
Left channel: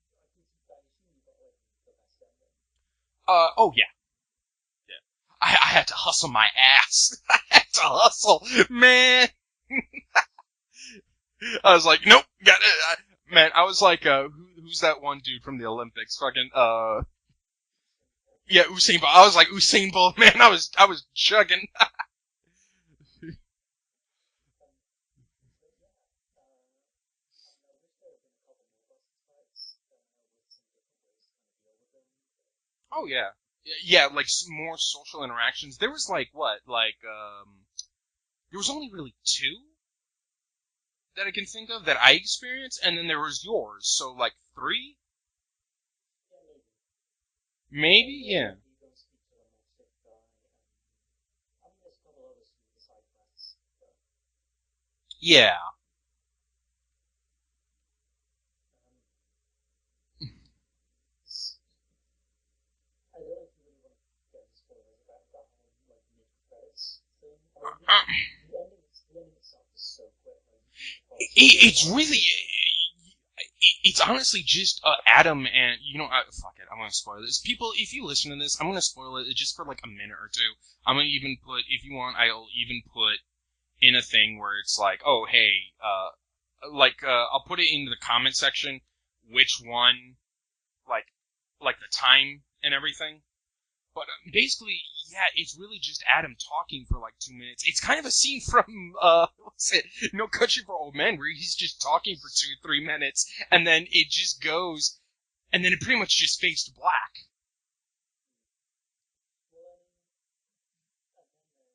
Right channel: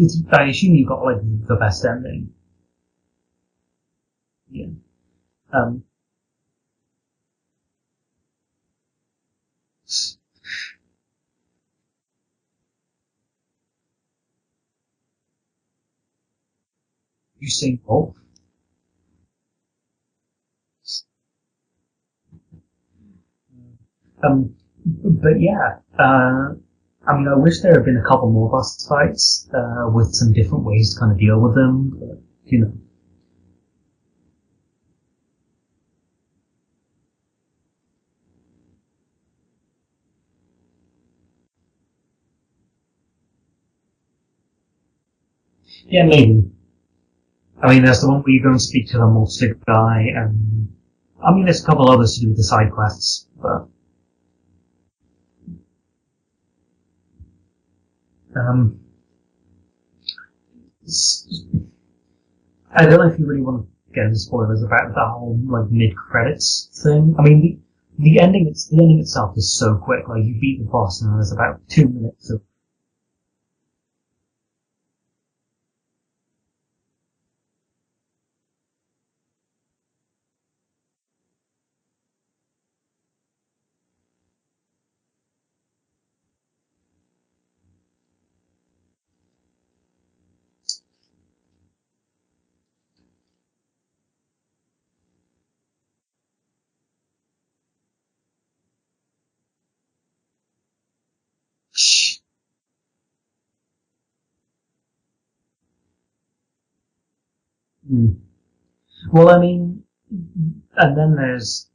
assume you got, like, the best ending. Oh yeah. Yeah. I had to hustle my ass. I had to hustle, man. I was like, nope, got it. Man, I was like, who's that one dude from the Olympics? Fucking, Usain Bolt? Yeah, Usain Bolt. I was like, Usain Bolt, man, I was chugging. But yeah, I mean, I wish there had been a couple more boss fights, with some different ways to kind of deal with them, but, Oh, yeah. Yeah, like, more social interactions. There was, like, there was only really 2 that I can think of that I experienced, and then there was yours, so, like, 3? Yeah, maybe. I mean, there's the one where you go and speak to the multi guy, and... I mean, there's a couple others to do with the side quests, but... Yeah. I don't know if you really want to get into spoilers about the whole, like, mid-credits thing. I mean, the ending itself is so quick. Like, you beat the boss, and there's about It's honestly just Adam and fuck it, I'm gonna spoil this. People, if you listen to this, I'm gonna spoil it just for like a minute or 2. I'm gonna even put, if you want, I'll even put in a thing where it's like, oh hey, I'll put it into the comment section which one, like the time and everything. But basically, yeah, it's really just Adam talking for like 2 minutes. It's kind of a scene from, No Country for Old Men, where he's just talking for 2-3 minutes, and then it just goes, and then it pretty much just fades to black. Mm. Well, I mean, and then there's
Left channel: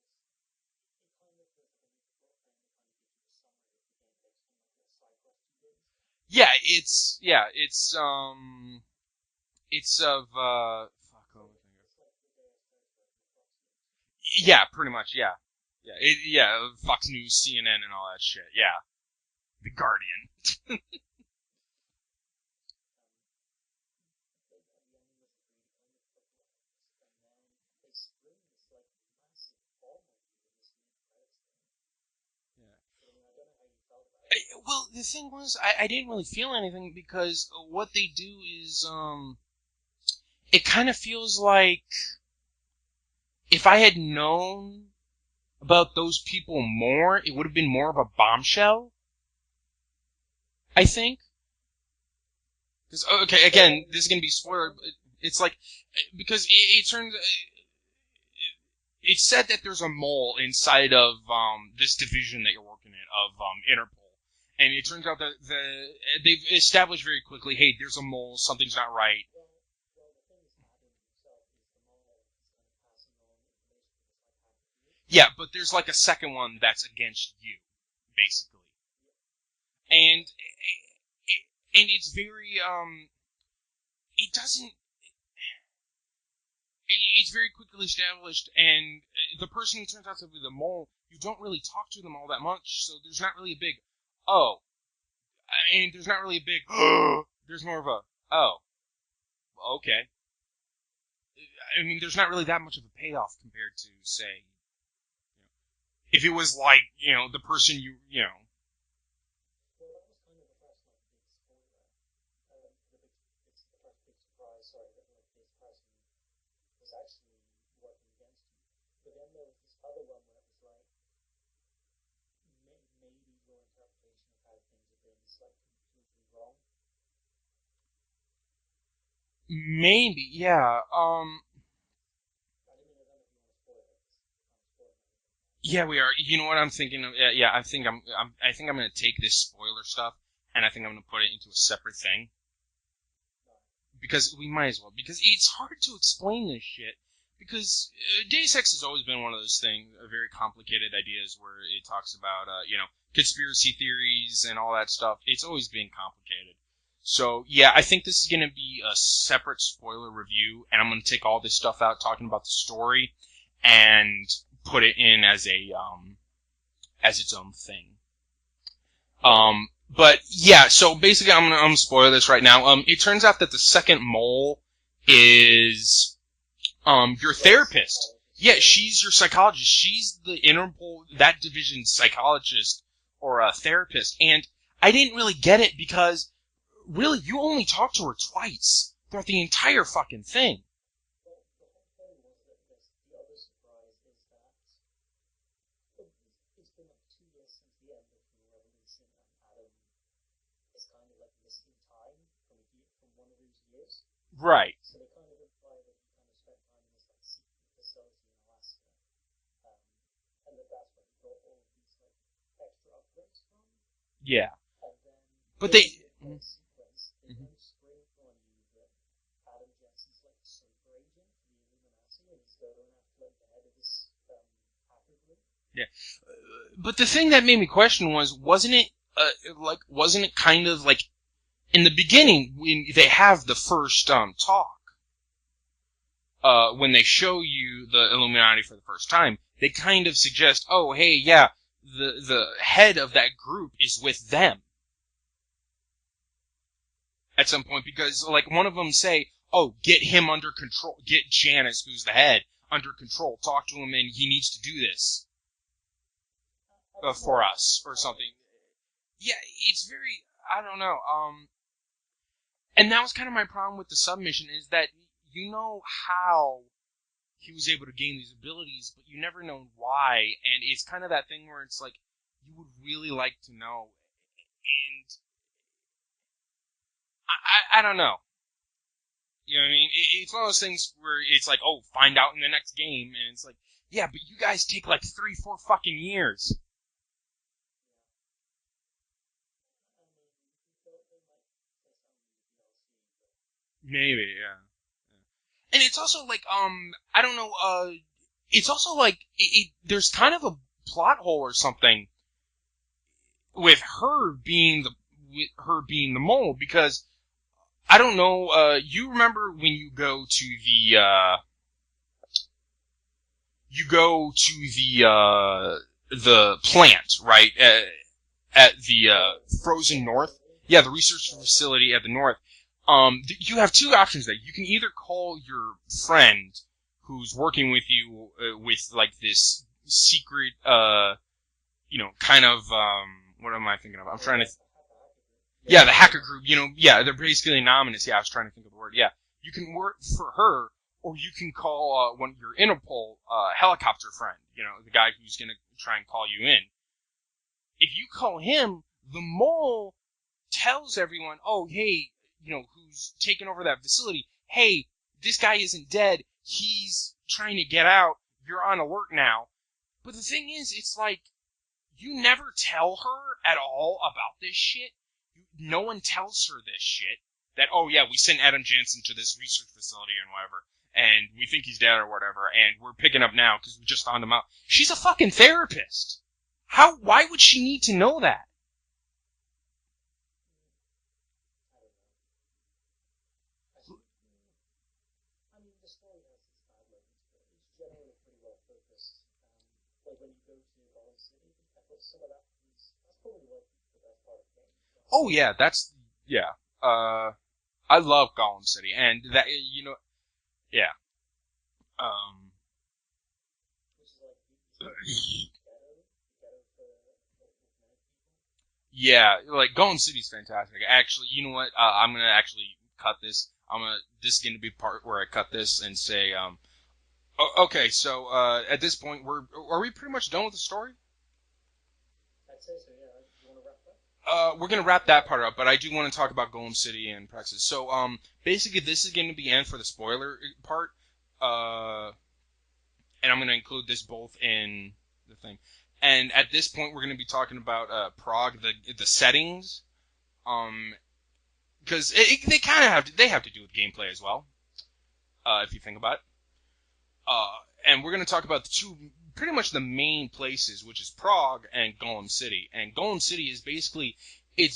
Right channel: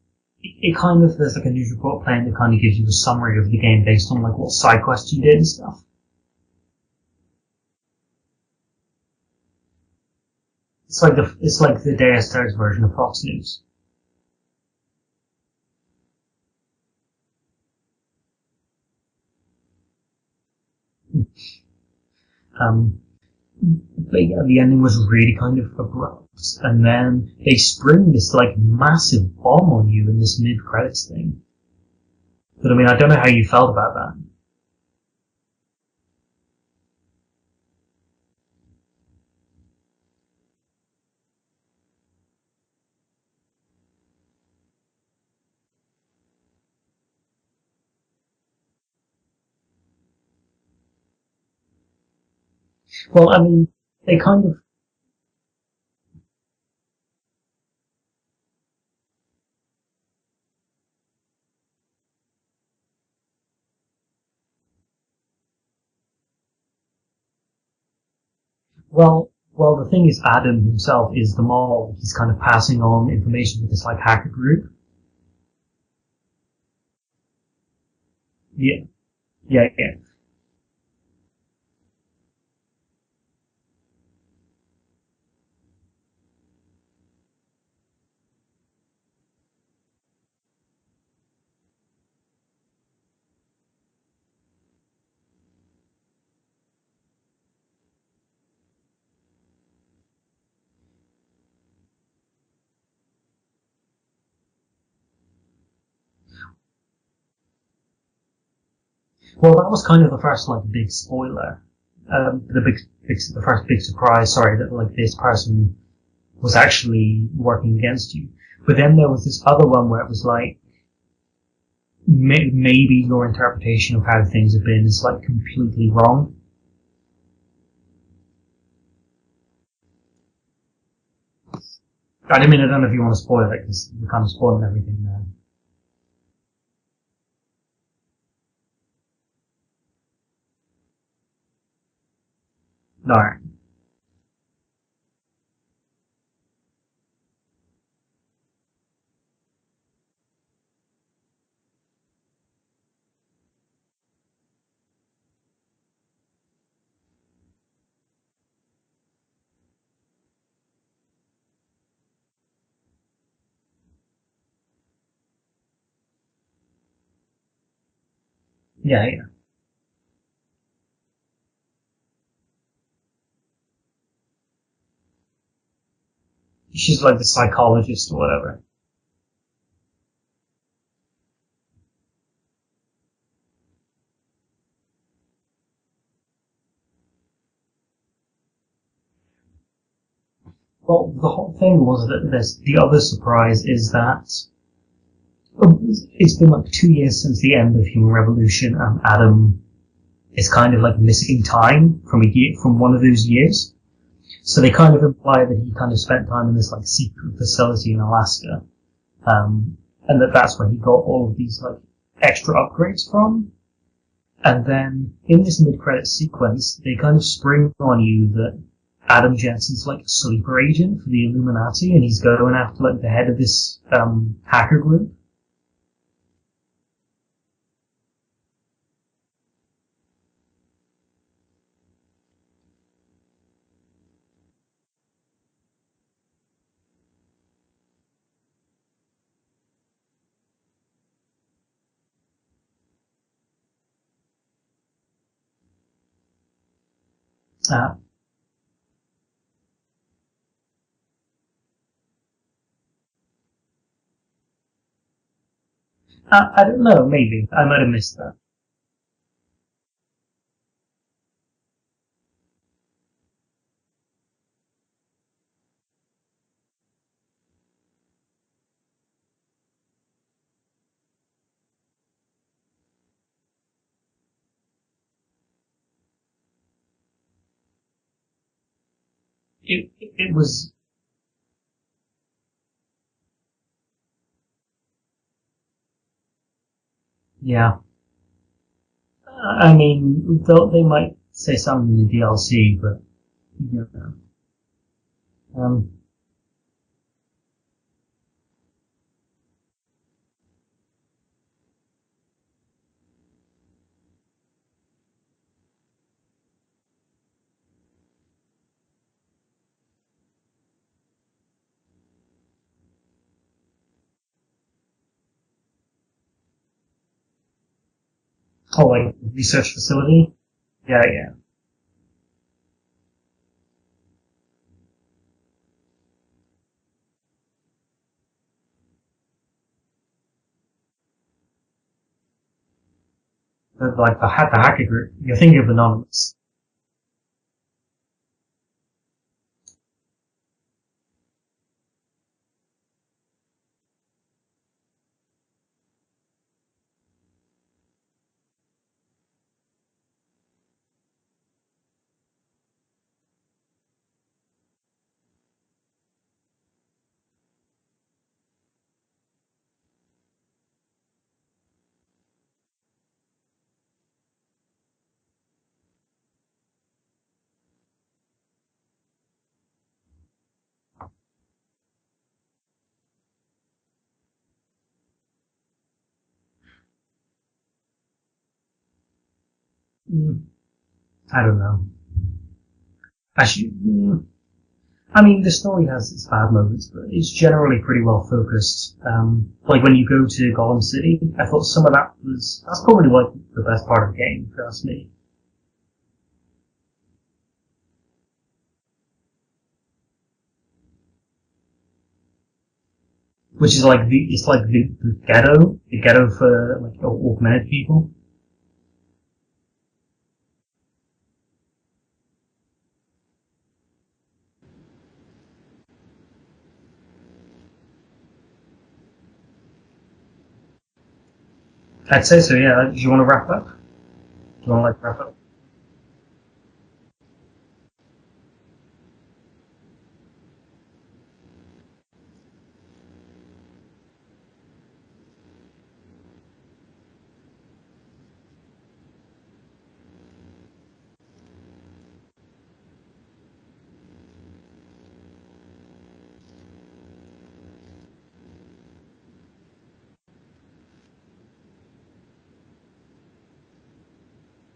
like a news report playing that kind of gives you a summary of the game based on like what side quests you did and stuff. Yeah, it's like the Deus Ex version of Fox News. Yeah, pretty much. Yeah, Fox News, CNN, and all that shit. Yeah, The Guardian. But yeah, the ending was really kind of abrupt, and then they spring this like massive bomb on you in this mid-credits thing. But I mean, I don't know how you felt about that. Well, the thing was, I didn't really feel anything, because what they do is, it kind of feels like if I had known about those people more, it would have been more of a bombshell, I think. Well, okay, I mean, again, this game is where it's like, because it turns, it's said that there's a mole inside of this division that you're working in of Interpol, and it turns out that they've established very quickly, hey, there's a mole, something's not right. Well, the thing is, Adam himself is the mole. He's kind of passing on information to this like hacker group. Yeah, but there's like a second one that's against you, basically. Yeah. And it's very it doesn't. It's very quickly established, and the person who turns out to be the mole, you don't really talk to them all that much, so there's not really a big, oh. I mean, there's not really a big, there's more of a, oh, okay. I mean, there's not really that much of a payoff compared to, say, if it was like, the person you know. Well, that was kind of the first like big spoiler, the first big surprise. Sorry, that like this person was actually working against you. But then there was this other one where it was like, maybe your interpretation of how things have been is like completely wrong. Maybe, yeah. I don't know if you want to spoil it because we're kind of spoiling everything now. Yeah, we are. You know what I'm thinking of? Yeah, I think I'm going to take this spoiler stuff and I think I'm going to put it into a separate thing. Alright. Because we might as well. Because it's hard to explain this shit. Because Deus Ex has always been one of those things, very complicated ideas where it talks about, conspiracy theories and all that stuff. It's always been complicated. So, yeah, I think this is going to be a separate spoiler review, and I'm going to take all this stuff out talking about the story and put it in as as its own thing. Yeah. But yeah, so basically I'm gonna spoil this right now. It turns out that the second mole is she's like the your psychologist therapist. or whatever. Yeah, she's your psychologist. She's the Interpol, that division's psychologist or a therapist. And I didn't really get it because really you only talked to her twice throughout the entire fucking thing. Well, the whole thing was that the other surprise is that it's been like 2 years since the end of Human Revolution, and Adam is kind of like missing time from one of those years. Right. So they kind of imply that he kind of spent time in this like secret facility in Alaska, and that's where he got all of these like extra upgrades from. Yeah. And then in this mid-credit sequence, they kind of spring on you that Adam Jensen's like a sleeper agent for the Illuminati, and he's going after like the head of this hacker group. Yeah. But the thing that made me question wasn't it kind of like in the beginning when they have the first talk, when they show you the Illuminati for the first time, they kind of suggest, oh hey, yeah, the head of that group is with them at some point, because like one of them say, oh, get him under control, get Janice, who's the head, under control, talk to him, and he needs to do this. I don't know, maybe I might have missed that. Yeah, it's very, I don't know. And that was kind of my problem with the submission, is that you know how he was able to gain these abilities, but you never know why, and it's kind of that thing where it's like, you would really like to know, and I don't know. You know what I mean? It's one of those things where it's like, oh, find out in the next game, and it's like, yeah, but you guys take like 3-4 fucking years. Yeah. I mean, they might say something in the DLC, but... You know. Maybe, yeah. And it's also like, I don't know, it's also like, there's kind of a plot hole or something with her being the mole, because, I don't know, you remember when you go to the plant, right? At the research frozen facility? north. Yeah, the research facility at the north. You have two options there. You can either call your friend who's working with you with like this secret, kind of what am I thinking? Like the hacker group. You're thinking of the the hacker group. They're basically anonymous. Yeah, I was trying to think of the word. Yeah, you can work for her, or you can call one of your Interpol helicopter friend. The guy who's gonna try and call you in. If you call him, the mole tells everyone, oh, hey, who's taken over that facility, hey, this guy isn't dead, he's trying to get out, you're on alert now. But the thing is, it's like, you never tell her at all about this shit. No one tells her this shit. That, oh yeah, we sent Adam Jansen to this research facility and whatever, and we think he's dead or whatever, and we're picking up now because we just found him out. She's a fucking therapist. Why would she need to know that? I don't know. Actually, I mean, the story has its bad moments, but it's generally pretty well focused. Like when you go to Gollum City, I thought some of that's probably like the best part of the game, if you ask me. Oh yeah, I love Gollum City, and that, yeah. Which is like the ghetto for like augmented people. Yeah, like Gollum City's fantastic. Actually, you know what? I'm gonna actually cut this. This is gonna be the part where I cut this and say, okay. So at this point, are we pretty much done with the story? I'd say so. Yeah. Do you want to wrap up? We're gonna wrap that part up, but I do want to talk about Golem City and Praxis. So, basically, this is going to be end for the spoiler part, and I'm gonna include this both in the thing. And at this point, we're gonna be talking about Prague, the settings, because they kind of have to do with gameplay as well, if you think about it. And we're gonna talk about pretty much the main places, which is Prague and Golem City. And Golem City is basically a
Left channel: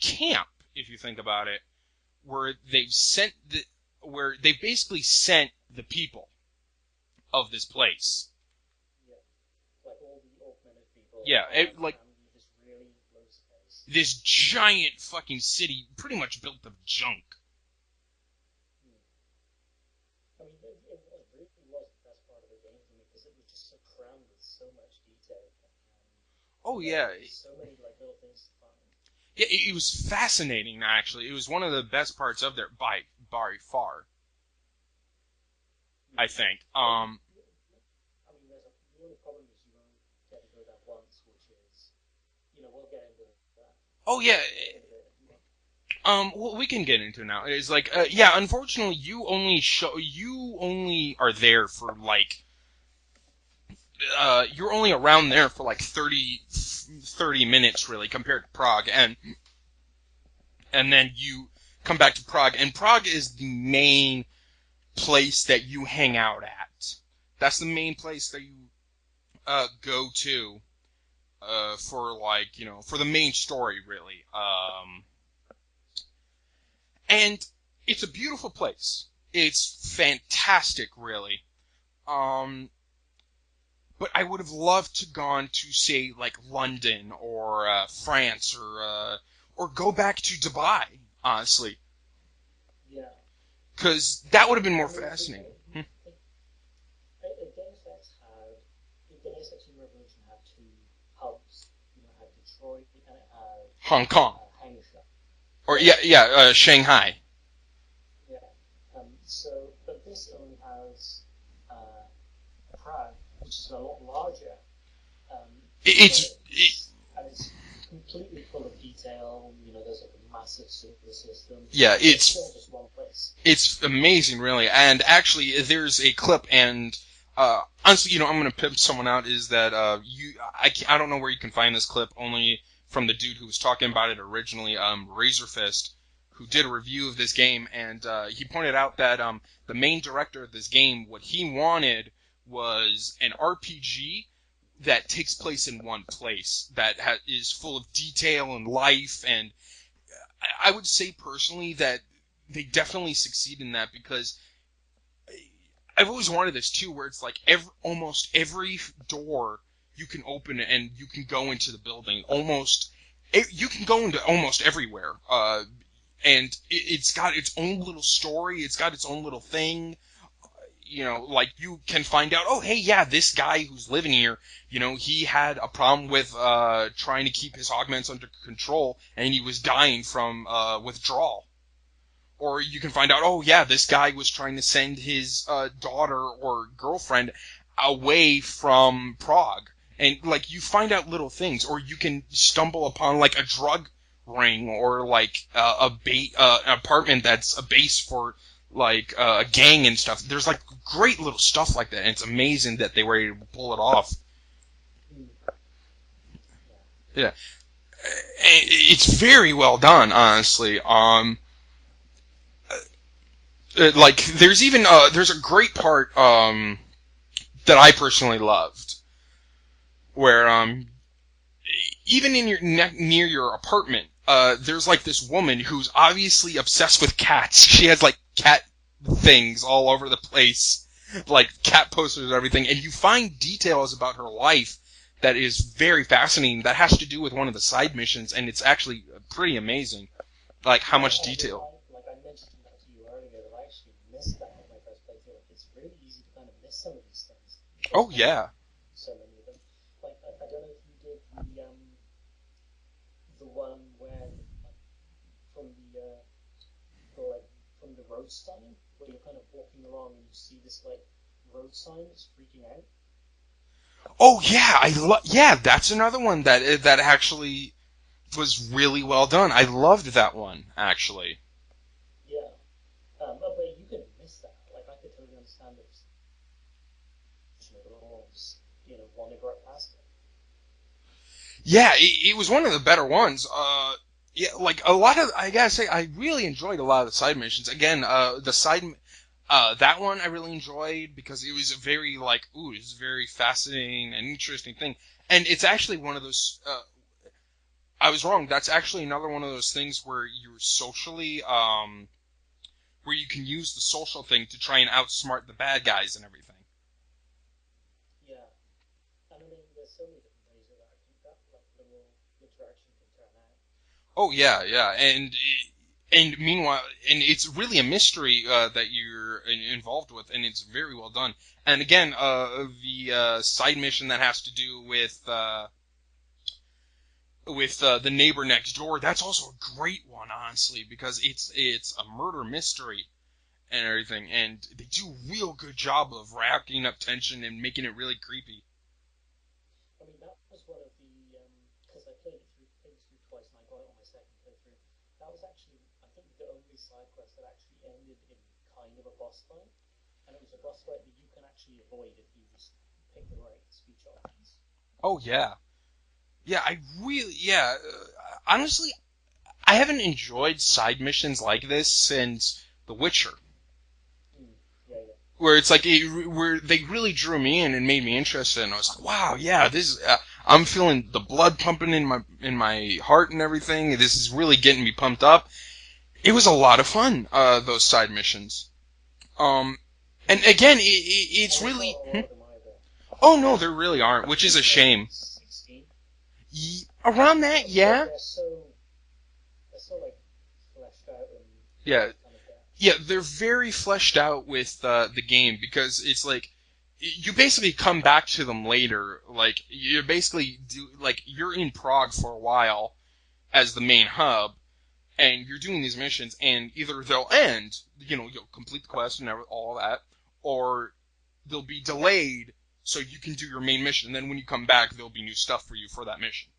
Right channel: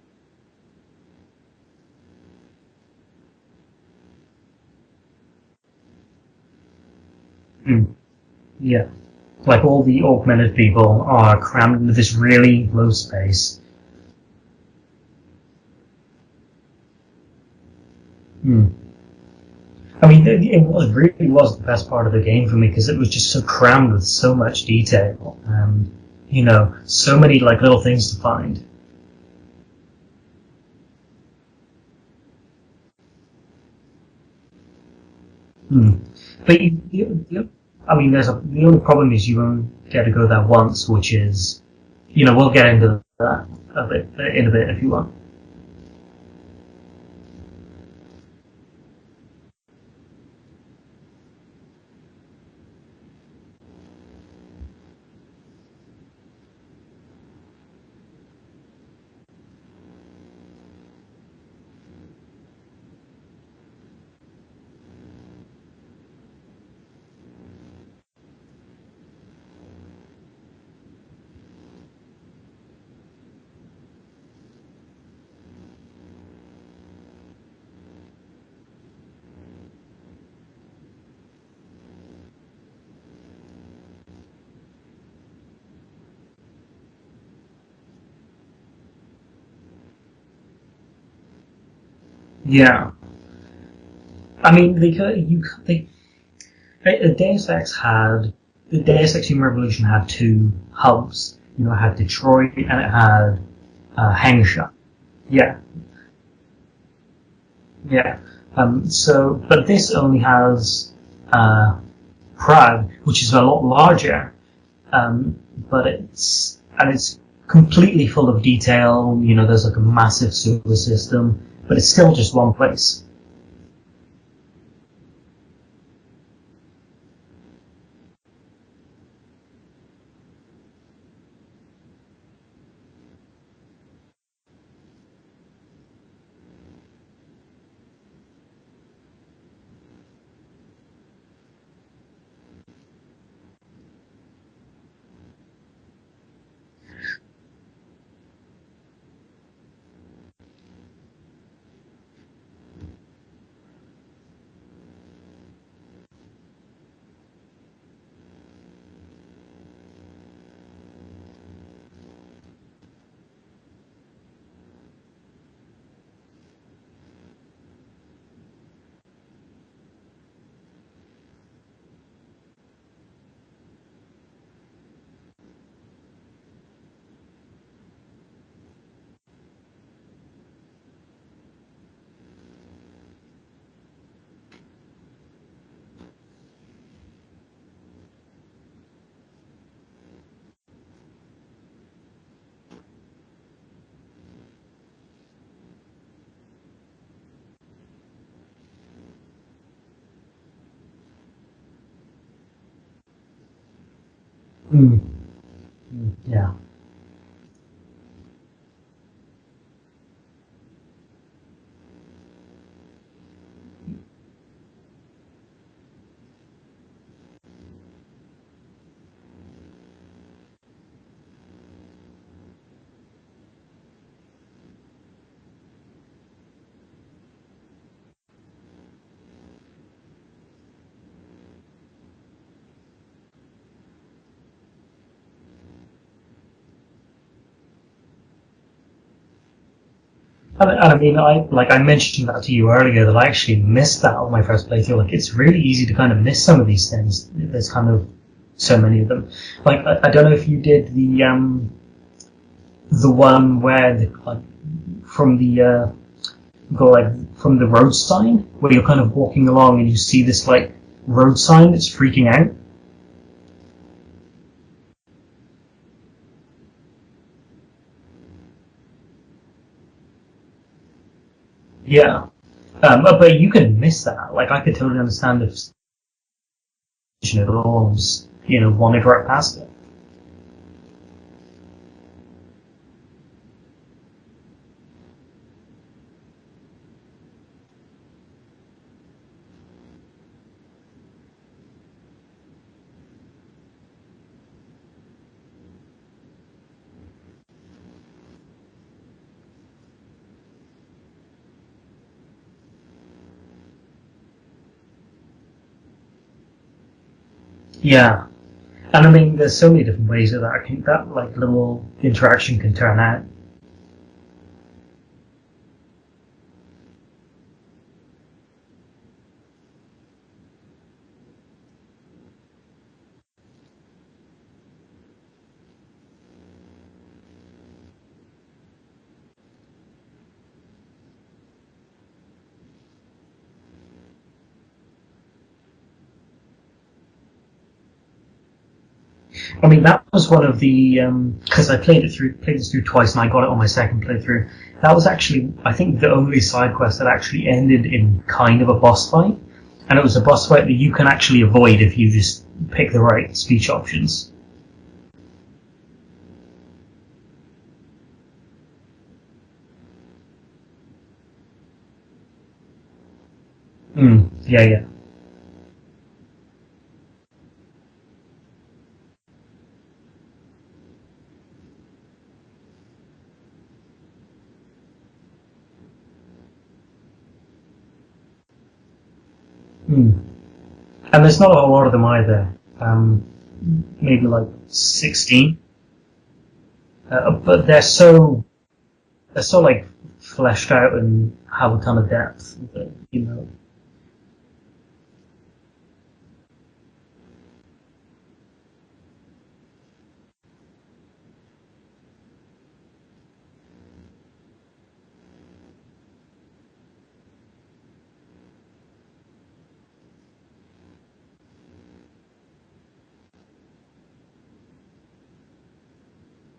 camp, if you think about it, where they've basically sent the people of this place. Yeah. Like all the augmented people are crammed with this really low space. This giant fucking city pretty much built of junk. I mean, it really was the best part of the game for me because it was just so crammed with so much detail and, so many like little things to find. Yeah, it was fascinating, actually. It was one of the best parts of there by far. I think. I mean, the only problem is you only get to go there once, which is, we'll get into that a bit in a bit if you want. Well, we can get into it now. It's like, unfortunately, you only are there for like, you're only around there for like 30 minutes really compared to Prague, and then you come back to Prague, and Prague is the main place that you hang out at. That's the main place that you go to for like, for the main story really. And it's a beautiful place. It's fantastic, really. But I would have loved to gone to, say, like London or France or go back to Dubai, honestly. Yeah. Because that would have been more interesting. The Deus Ex Human Revolution had two hubs. It had Detroit and it had Hangzhou. Yeah. Or Shanghai. Yeah. But this only has Prague, which is a lot larger. But it's completely full of detail. There's like a massive sewer system, but it's still just one place. It's amazing, really. And actually, there's a clip, and honestly, I'm going to pimp someone out. Is that I don't know where you can find this clip. Only from the dude who was talking about it originally, Razorfist, who did a review of this game, and he pointed out that the main director of this game, what he wanted was an RPG that takes place in one place, that is full of detail and life, and I would say personally that they definitely succeed in that, because I've always wanted this too, where it's like almost every door you can open and you can go into the building. You can go into almost everywhere, and it's got its own little story. It's got its own little thing. Like you can find out, oh hey, yeah, this guy who's living here, he had a problem with trying to keep his augments under control, and he was dying from withdrawal. Or you can find out, oh yeah, this guy was trying to send his daughter or girlfriend away from Prague. And, like, you find out little things. Or you can stumble upon, like, a drug ring or, like, an apartment that's a base for, like a gang and stuff. There's like great little stuff like that, and it's amazing that they were able to pull it off. Yeah. Yeah, it's very well done, honestly. Like there's even there's a great part that I personally loved, where even in your near your apartment, there's like this woman who's obviously obsessed with cats. She has like cat things all over the place, like cat posters and everything, and you find details about her life that is very fascinating. That has to do with one of the side missions, and it's actually pretty amazing. Like I how mean, much detail. I mentioned that to you earlier that I actually missed that on my first playthrough. Like, it's really easy to kind of miss some of these things. There's kind of Oh yeah. so many of them. Like, I don't know if you did the one where like from the go like from the road sign where you're kind of walking along and you see this like road sign that's freaking out. Oh yeah, yeah. That's another one that actually was really well done. I loved that one actually. Yeah, but you can miss that. Like, I could totally understand if it all wandered right past it. Yeah, it was one of the better ones. Yeah, like a lot of I gotta say, I really enjoyed a lot of the side missions. Again, that one I really enjoyed because it was a very like, ooh, it's a very fascinating and interesting thing. And it's actually one of those. I was wrong. That's actually another one of those things where you're socially, where you can use the social thing to try and outsmart the bad guys and everything. Yeah, and I mean, there's so many different ways that like little interaction can turn out. Oh yeah, yeah, and meanwhile, and it's really a mystery that you're involved with, and it's very well done. And again, the side mission that has to do with the neighbor next door, that's also a great one, honestly, because it's a murder mystery and everything, and they do a real good job of racking up tension and making it really creepy. I mean, that was one of the because I played this through twice, and I got it on my second playthrough. That was actually, I think, the only side quest that actually ended in kind of a boss fight, and it was a boss fight that you can actually avoid if you just pick the right speech options. Oh yeah, yeah, yeah. Honestly, I haven't enjoyed side missions like this since The Witcher, Yeah, yeah. where it's like where they really drew me in and made me interested. And I was like, wow, yeah, this is. I'm feeling the blood pumping in my heart and everything. This is really getting me pumped up. It was a lot of fun. Those side missions. And again, And there's not a it's whole lot of really. them either. Oh no, there really aren't, Maybe which like is a shame. 16. Around that, But they're yeah. so like fleshed out and have a ton Yeah, of depth. yeah, they're You know. very fleshed out with the game because it's like you basically come back to them later. Like you're basically like you're in Prague for a while as the main hub, and you're doing these missions, and either they'll end, you'll complete the quest and all that, or they'll be delayed so you can do your main mission. And then when you come back, there'll be new stuff for you for that mission.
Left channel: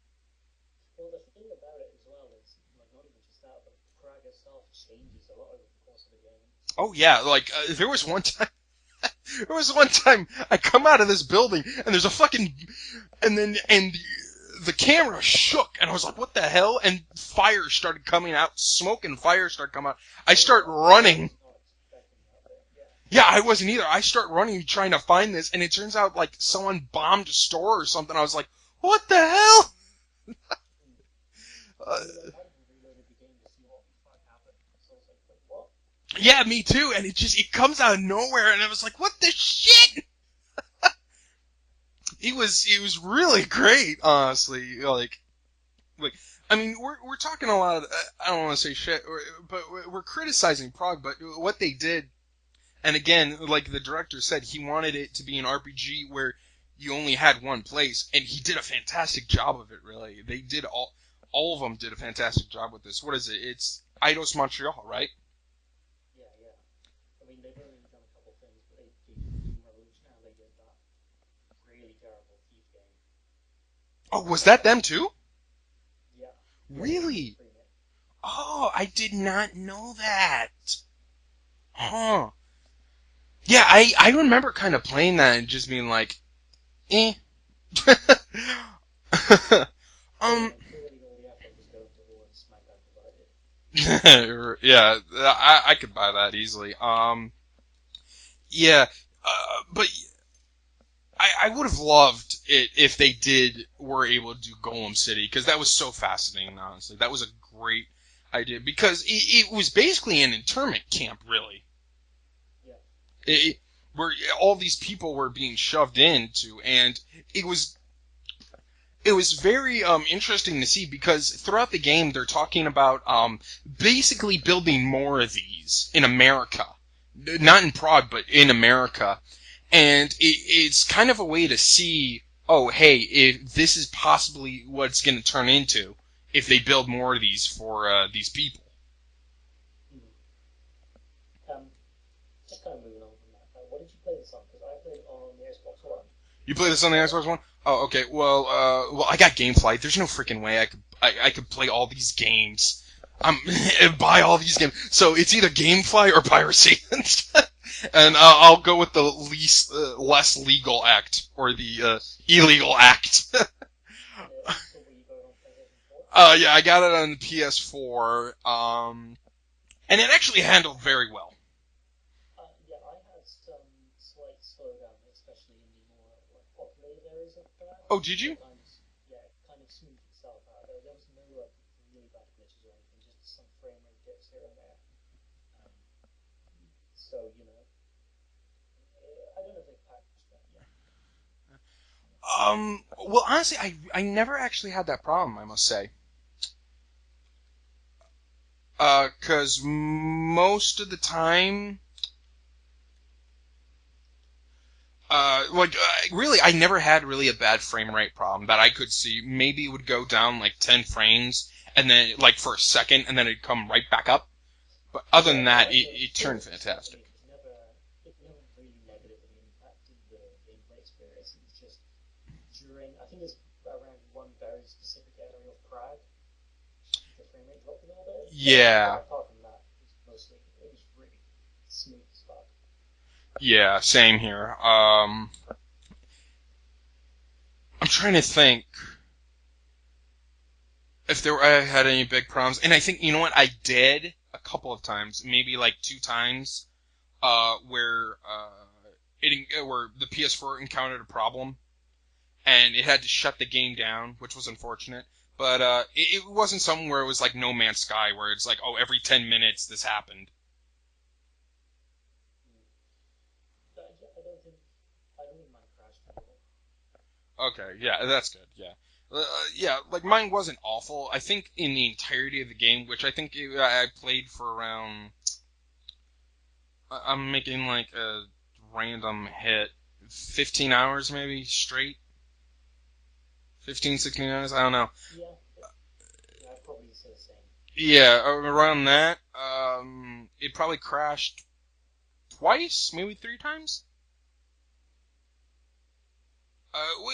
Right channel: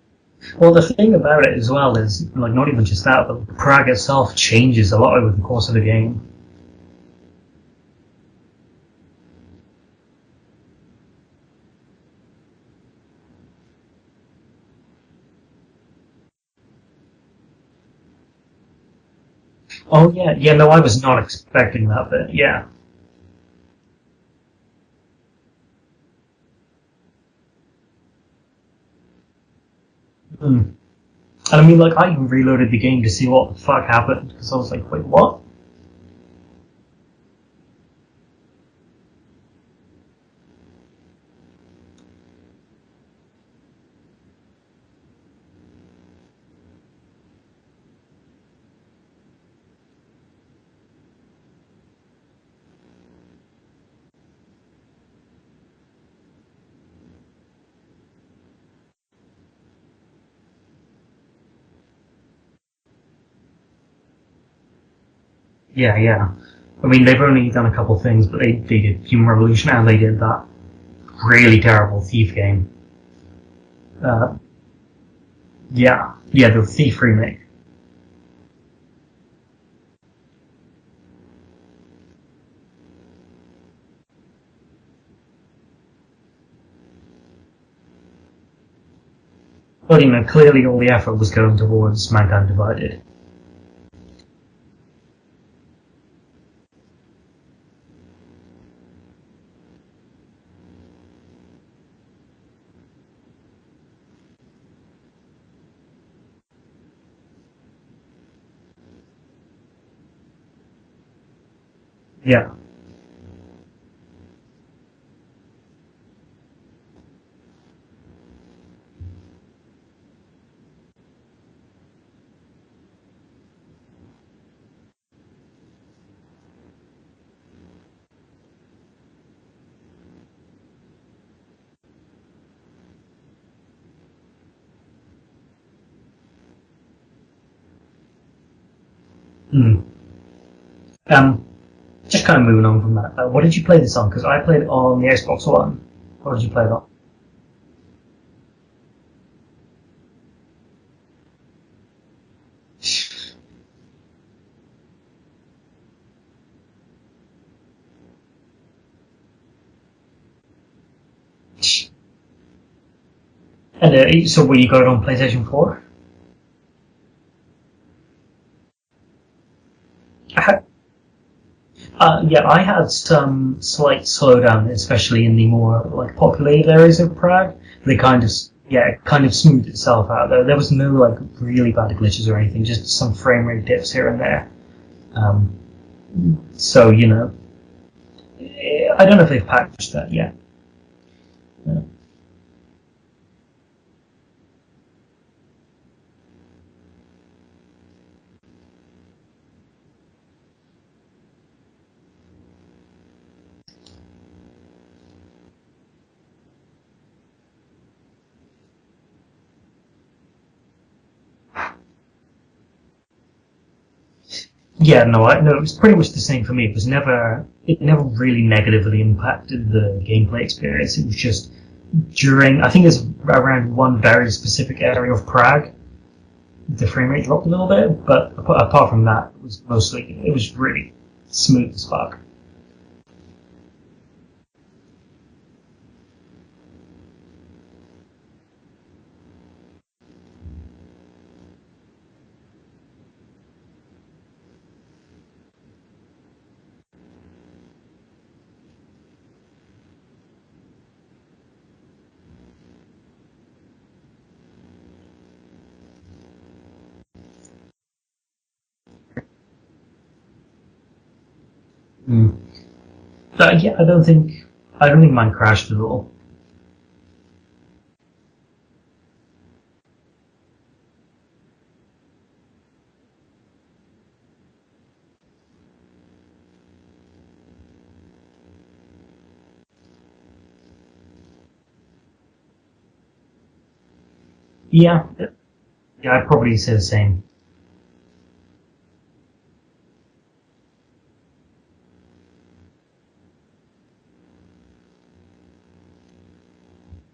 Well, the thing about it as well is, like, not even just that, but Prague itself changes a lot over the course of the game. Oh yeah, like there was one time. There was one time I come out of this building and there's a fucking and the camera shook and I was like, what the hell? And fire started coming out, smoke and fire started coming out. Oh yeah, I yeah. start No, I was not running. expecting that, but yeah. Yeah, I wasn't either. I start running trying to find this, and it turns out like someone bombed a store or something. I was like, what the hell? Mm. And I mean, like, I even reloaded the game to see what the fuck happened because I was like, wait, what? Yeah, me too. And it comes out of nowhere, and I was like, what the shit? It was really great, honestly. Like I mean, we're talking a lot of. I don't want to say shit, but we're criticizing Prague. But what they did, and again, like the director said, he wanted it to be an RPG where you only had one place, and he did a fantastic job of it. Really, they did all of them did a fantastic job with this. What is it? It's Eidos Montreal, right? Yeah, yeah. I mean, they've only done a couple things, but they did Human Revolution and they did that really terrible Thief game. Oh, was that them too? Yeah, the Thief Really? remake. Oh, I did not know that. Huh. Yeah, I remember kind of playing that and just being like, eh. But um, clearly all the effort was going towards Mankind Divided. yeah, I could buy that easily. Yeah, but I would have loved it if they were able to do Golem City, because that was so fascinating, honestly. That was a great idea, because it was basically an internment camp, really. Yeah. It, where all these people were being shoved into, and it was it was very interesting to see, because throughout the game they're talking about basically building more of these in America, not in Prague, but in America, and it's kind of a way to see, oh, hey, if this is possibly what it's going to turn into if they build more of these for these people. Mm. Um, just kind of moving on from that. What did you play this on? Because I played it on the Xbox One. What did you You play play it this on? on the Xbox One? Oh, okay. Well, I got GameFly. There's no freaking way I could play all these games. Buy all these games. So it's either GameFly or piracy. And I'll go with the least less legal act, or the illegal act. And so, you got it on PlayStation 4? Yeah, I got it on PS4. And it actually handled very well. Yeah, I had some slight slowdown, especially in the more like populated areas of Prague. They Oh, did kind of, you? yeah, it kind of smoothed itself out. There was no like really bad glitches or anything, just some frame rate dips here and there. Um, so I don't know if they've patched that yet. Well, honestly, I never actually had that problem, I must say. Because most of the time, really, I never had really a bad frame rate problem that I could see. Maybe it would go down like 10 frames, and then, like, for a second, and then it'd come right back up. Yeah, no, Other than no, that, it's pretty much it the turned same for me. It was fantastic. never really negatively impacted the gameplay experience. It was just during, I think it's around one very specific area of Prague, the frame rate dropped a little bit, but apart Yeah, from that, it was really smooth as fuck. yeah, same here. I'm trying to think if I had any big problems, and I think, you know what, I did a couple of times, maybe like 2 times, where the PS4 encountered a problem and it had to shut the game down, which was unfortunate. But it wasn't something where it was like No Man's Sky, where it's like, oh, every 10 minutes this happened. Mm. Yeah, I don't think mine crashed at all. Okay, yeah, that's good. Yeah, like mine wasn't awful. I think in the entirety of the game, which I think I played for around, I'm making like a random hit, 15 hours maybe straight, 15, 16 hours. I don't know. Yeah, yeah, I'd probably say the same. Yeah, around that. It probably crashed twice, maybe 3 times.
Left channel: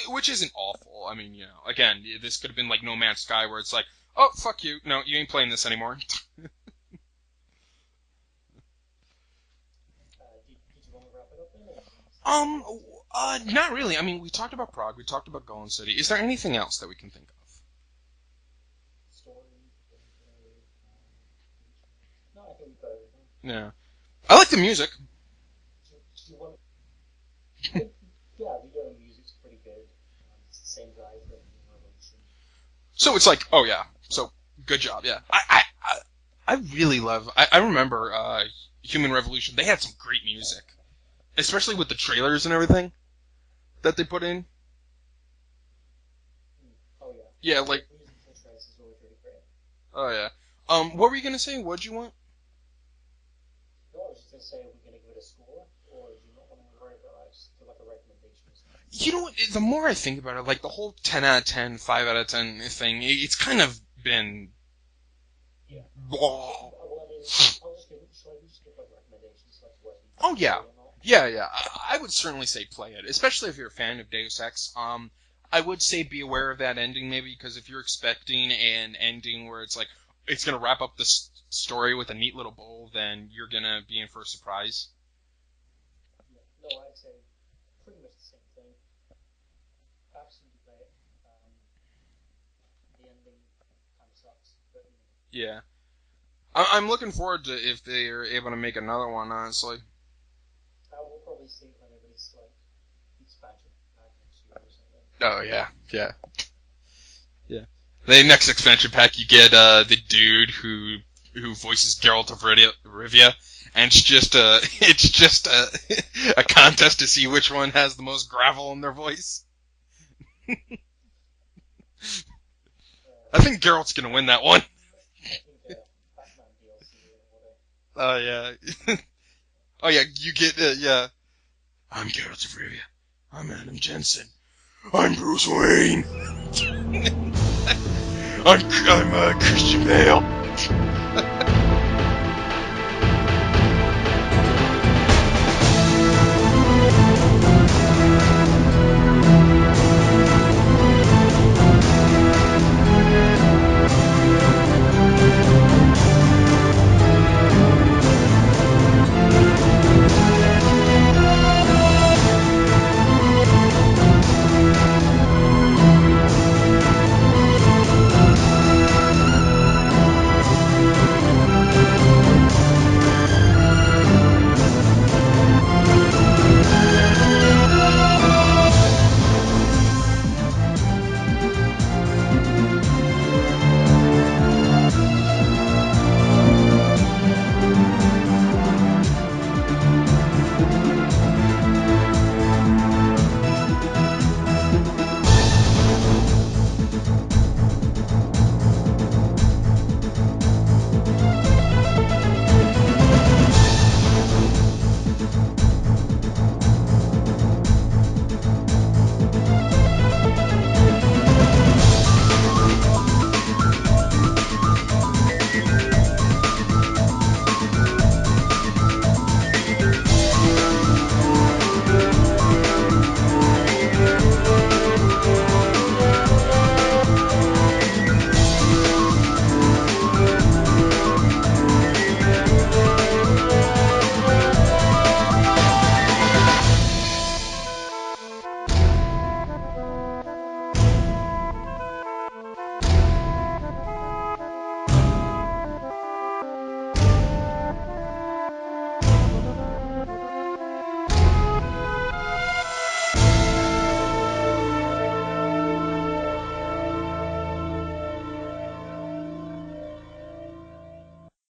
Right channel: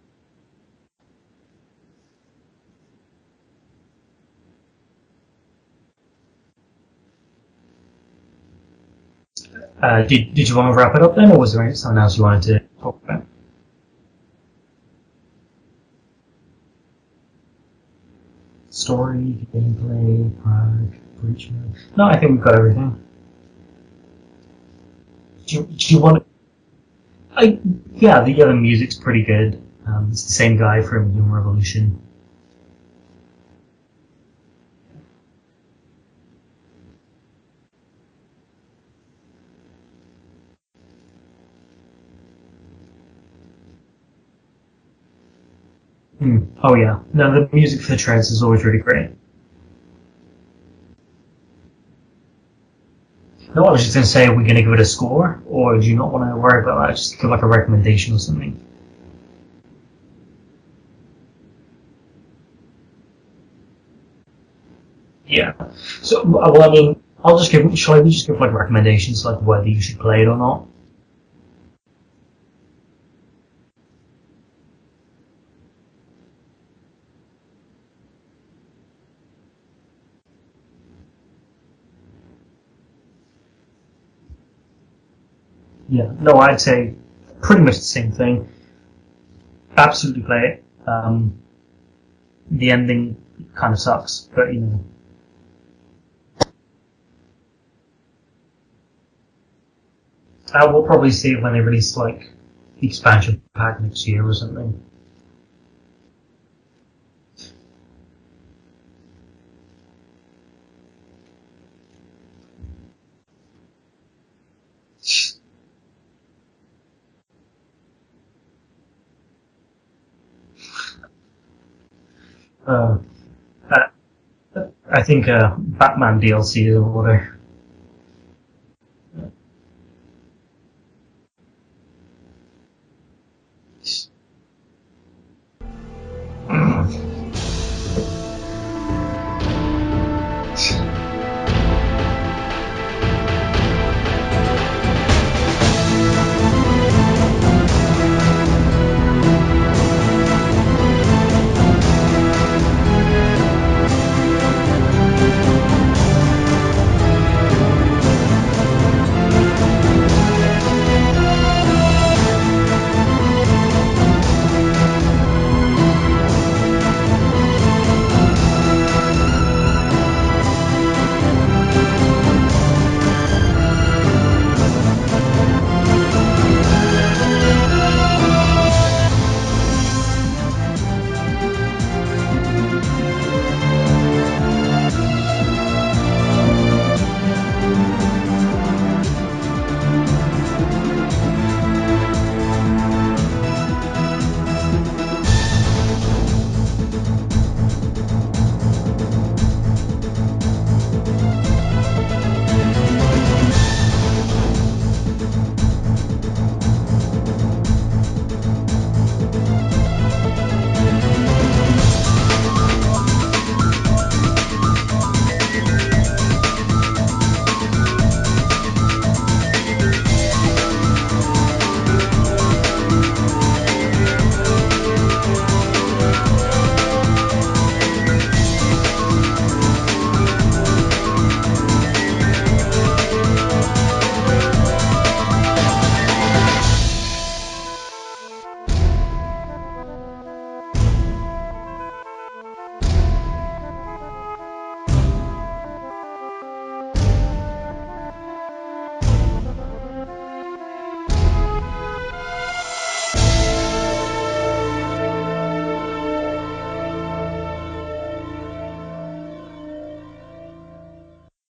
Which isn't awful. I mean, again, this could have been like No Man's Sky, where it's like, oh, fuck you, no, you ain't playing this anymore. Did you want to wrap it up then, or was there something else you wanted to um, talk about? Not really. I mean, we talked about Prague, we talked about Golden City. Is there anything else that we can think Story, gameplay, Prague, Breach Mode. No, I think we've got everything. of? Yeah, I like the music. Do you want? Yeah, the other music's pretty good. It's the same guy from Human Revolution. So it's like, oh yeah, so good job. Yeah, I really love. I remember Human Revolution. They had some great music, especially with the trailers and everything that they put in. Hmm. Oh yeah, no, the Yeah, music like, for the trance is always really great. oh yeah. What were you gonna say? What'd you want? No, I was just gonna say, are we gonna give it a score, or do you not want to worry about that? Just give like a recommendation or something. You know what? The more I think about it, like the whole 10 out of 10, 5 out of 10 thing, it's kind of been Yeah. So, old. I mean, I'll just give. Shall we just give like recommendations, like whether you should play it Oh or yeah, not? yeah. I would certainly say play it, especially if you're a fan of Deus Ex. I would say be aware of that ending, maybe, because if you're expecting an ending where it's like it's gonna wrap up this story with a neat little bow, then you're gonna be in for a surprise. Yeah, no, I'd say pretty much the same thing. Absolutely play it. The ending kind of sucks, but Yeah. I'm looking forward to if they are able to make another one, honestly. we'll probably see it when they release like the expansion pack next year or something. Oh, yeah. Yeah. Yeah. The next expansion pack, you get the dude who voices Geralt of Rivia, and it's just a contest to see which one has the most gravel in their voice. Uh, I think Geralt's gonna win that one. I think Batman DLC or whatever. Oh yeah. Oh yeah, you get yeah. I'm Geralt of Rivia. I'm Adam Jensen. I'm Bruce Wayne. I'm Christian Bale.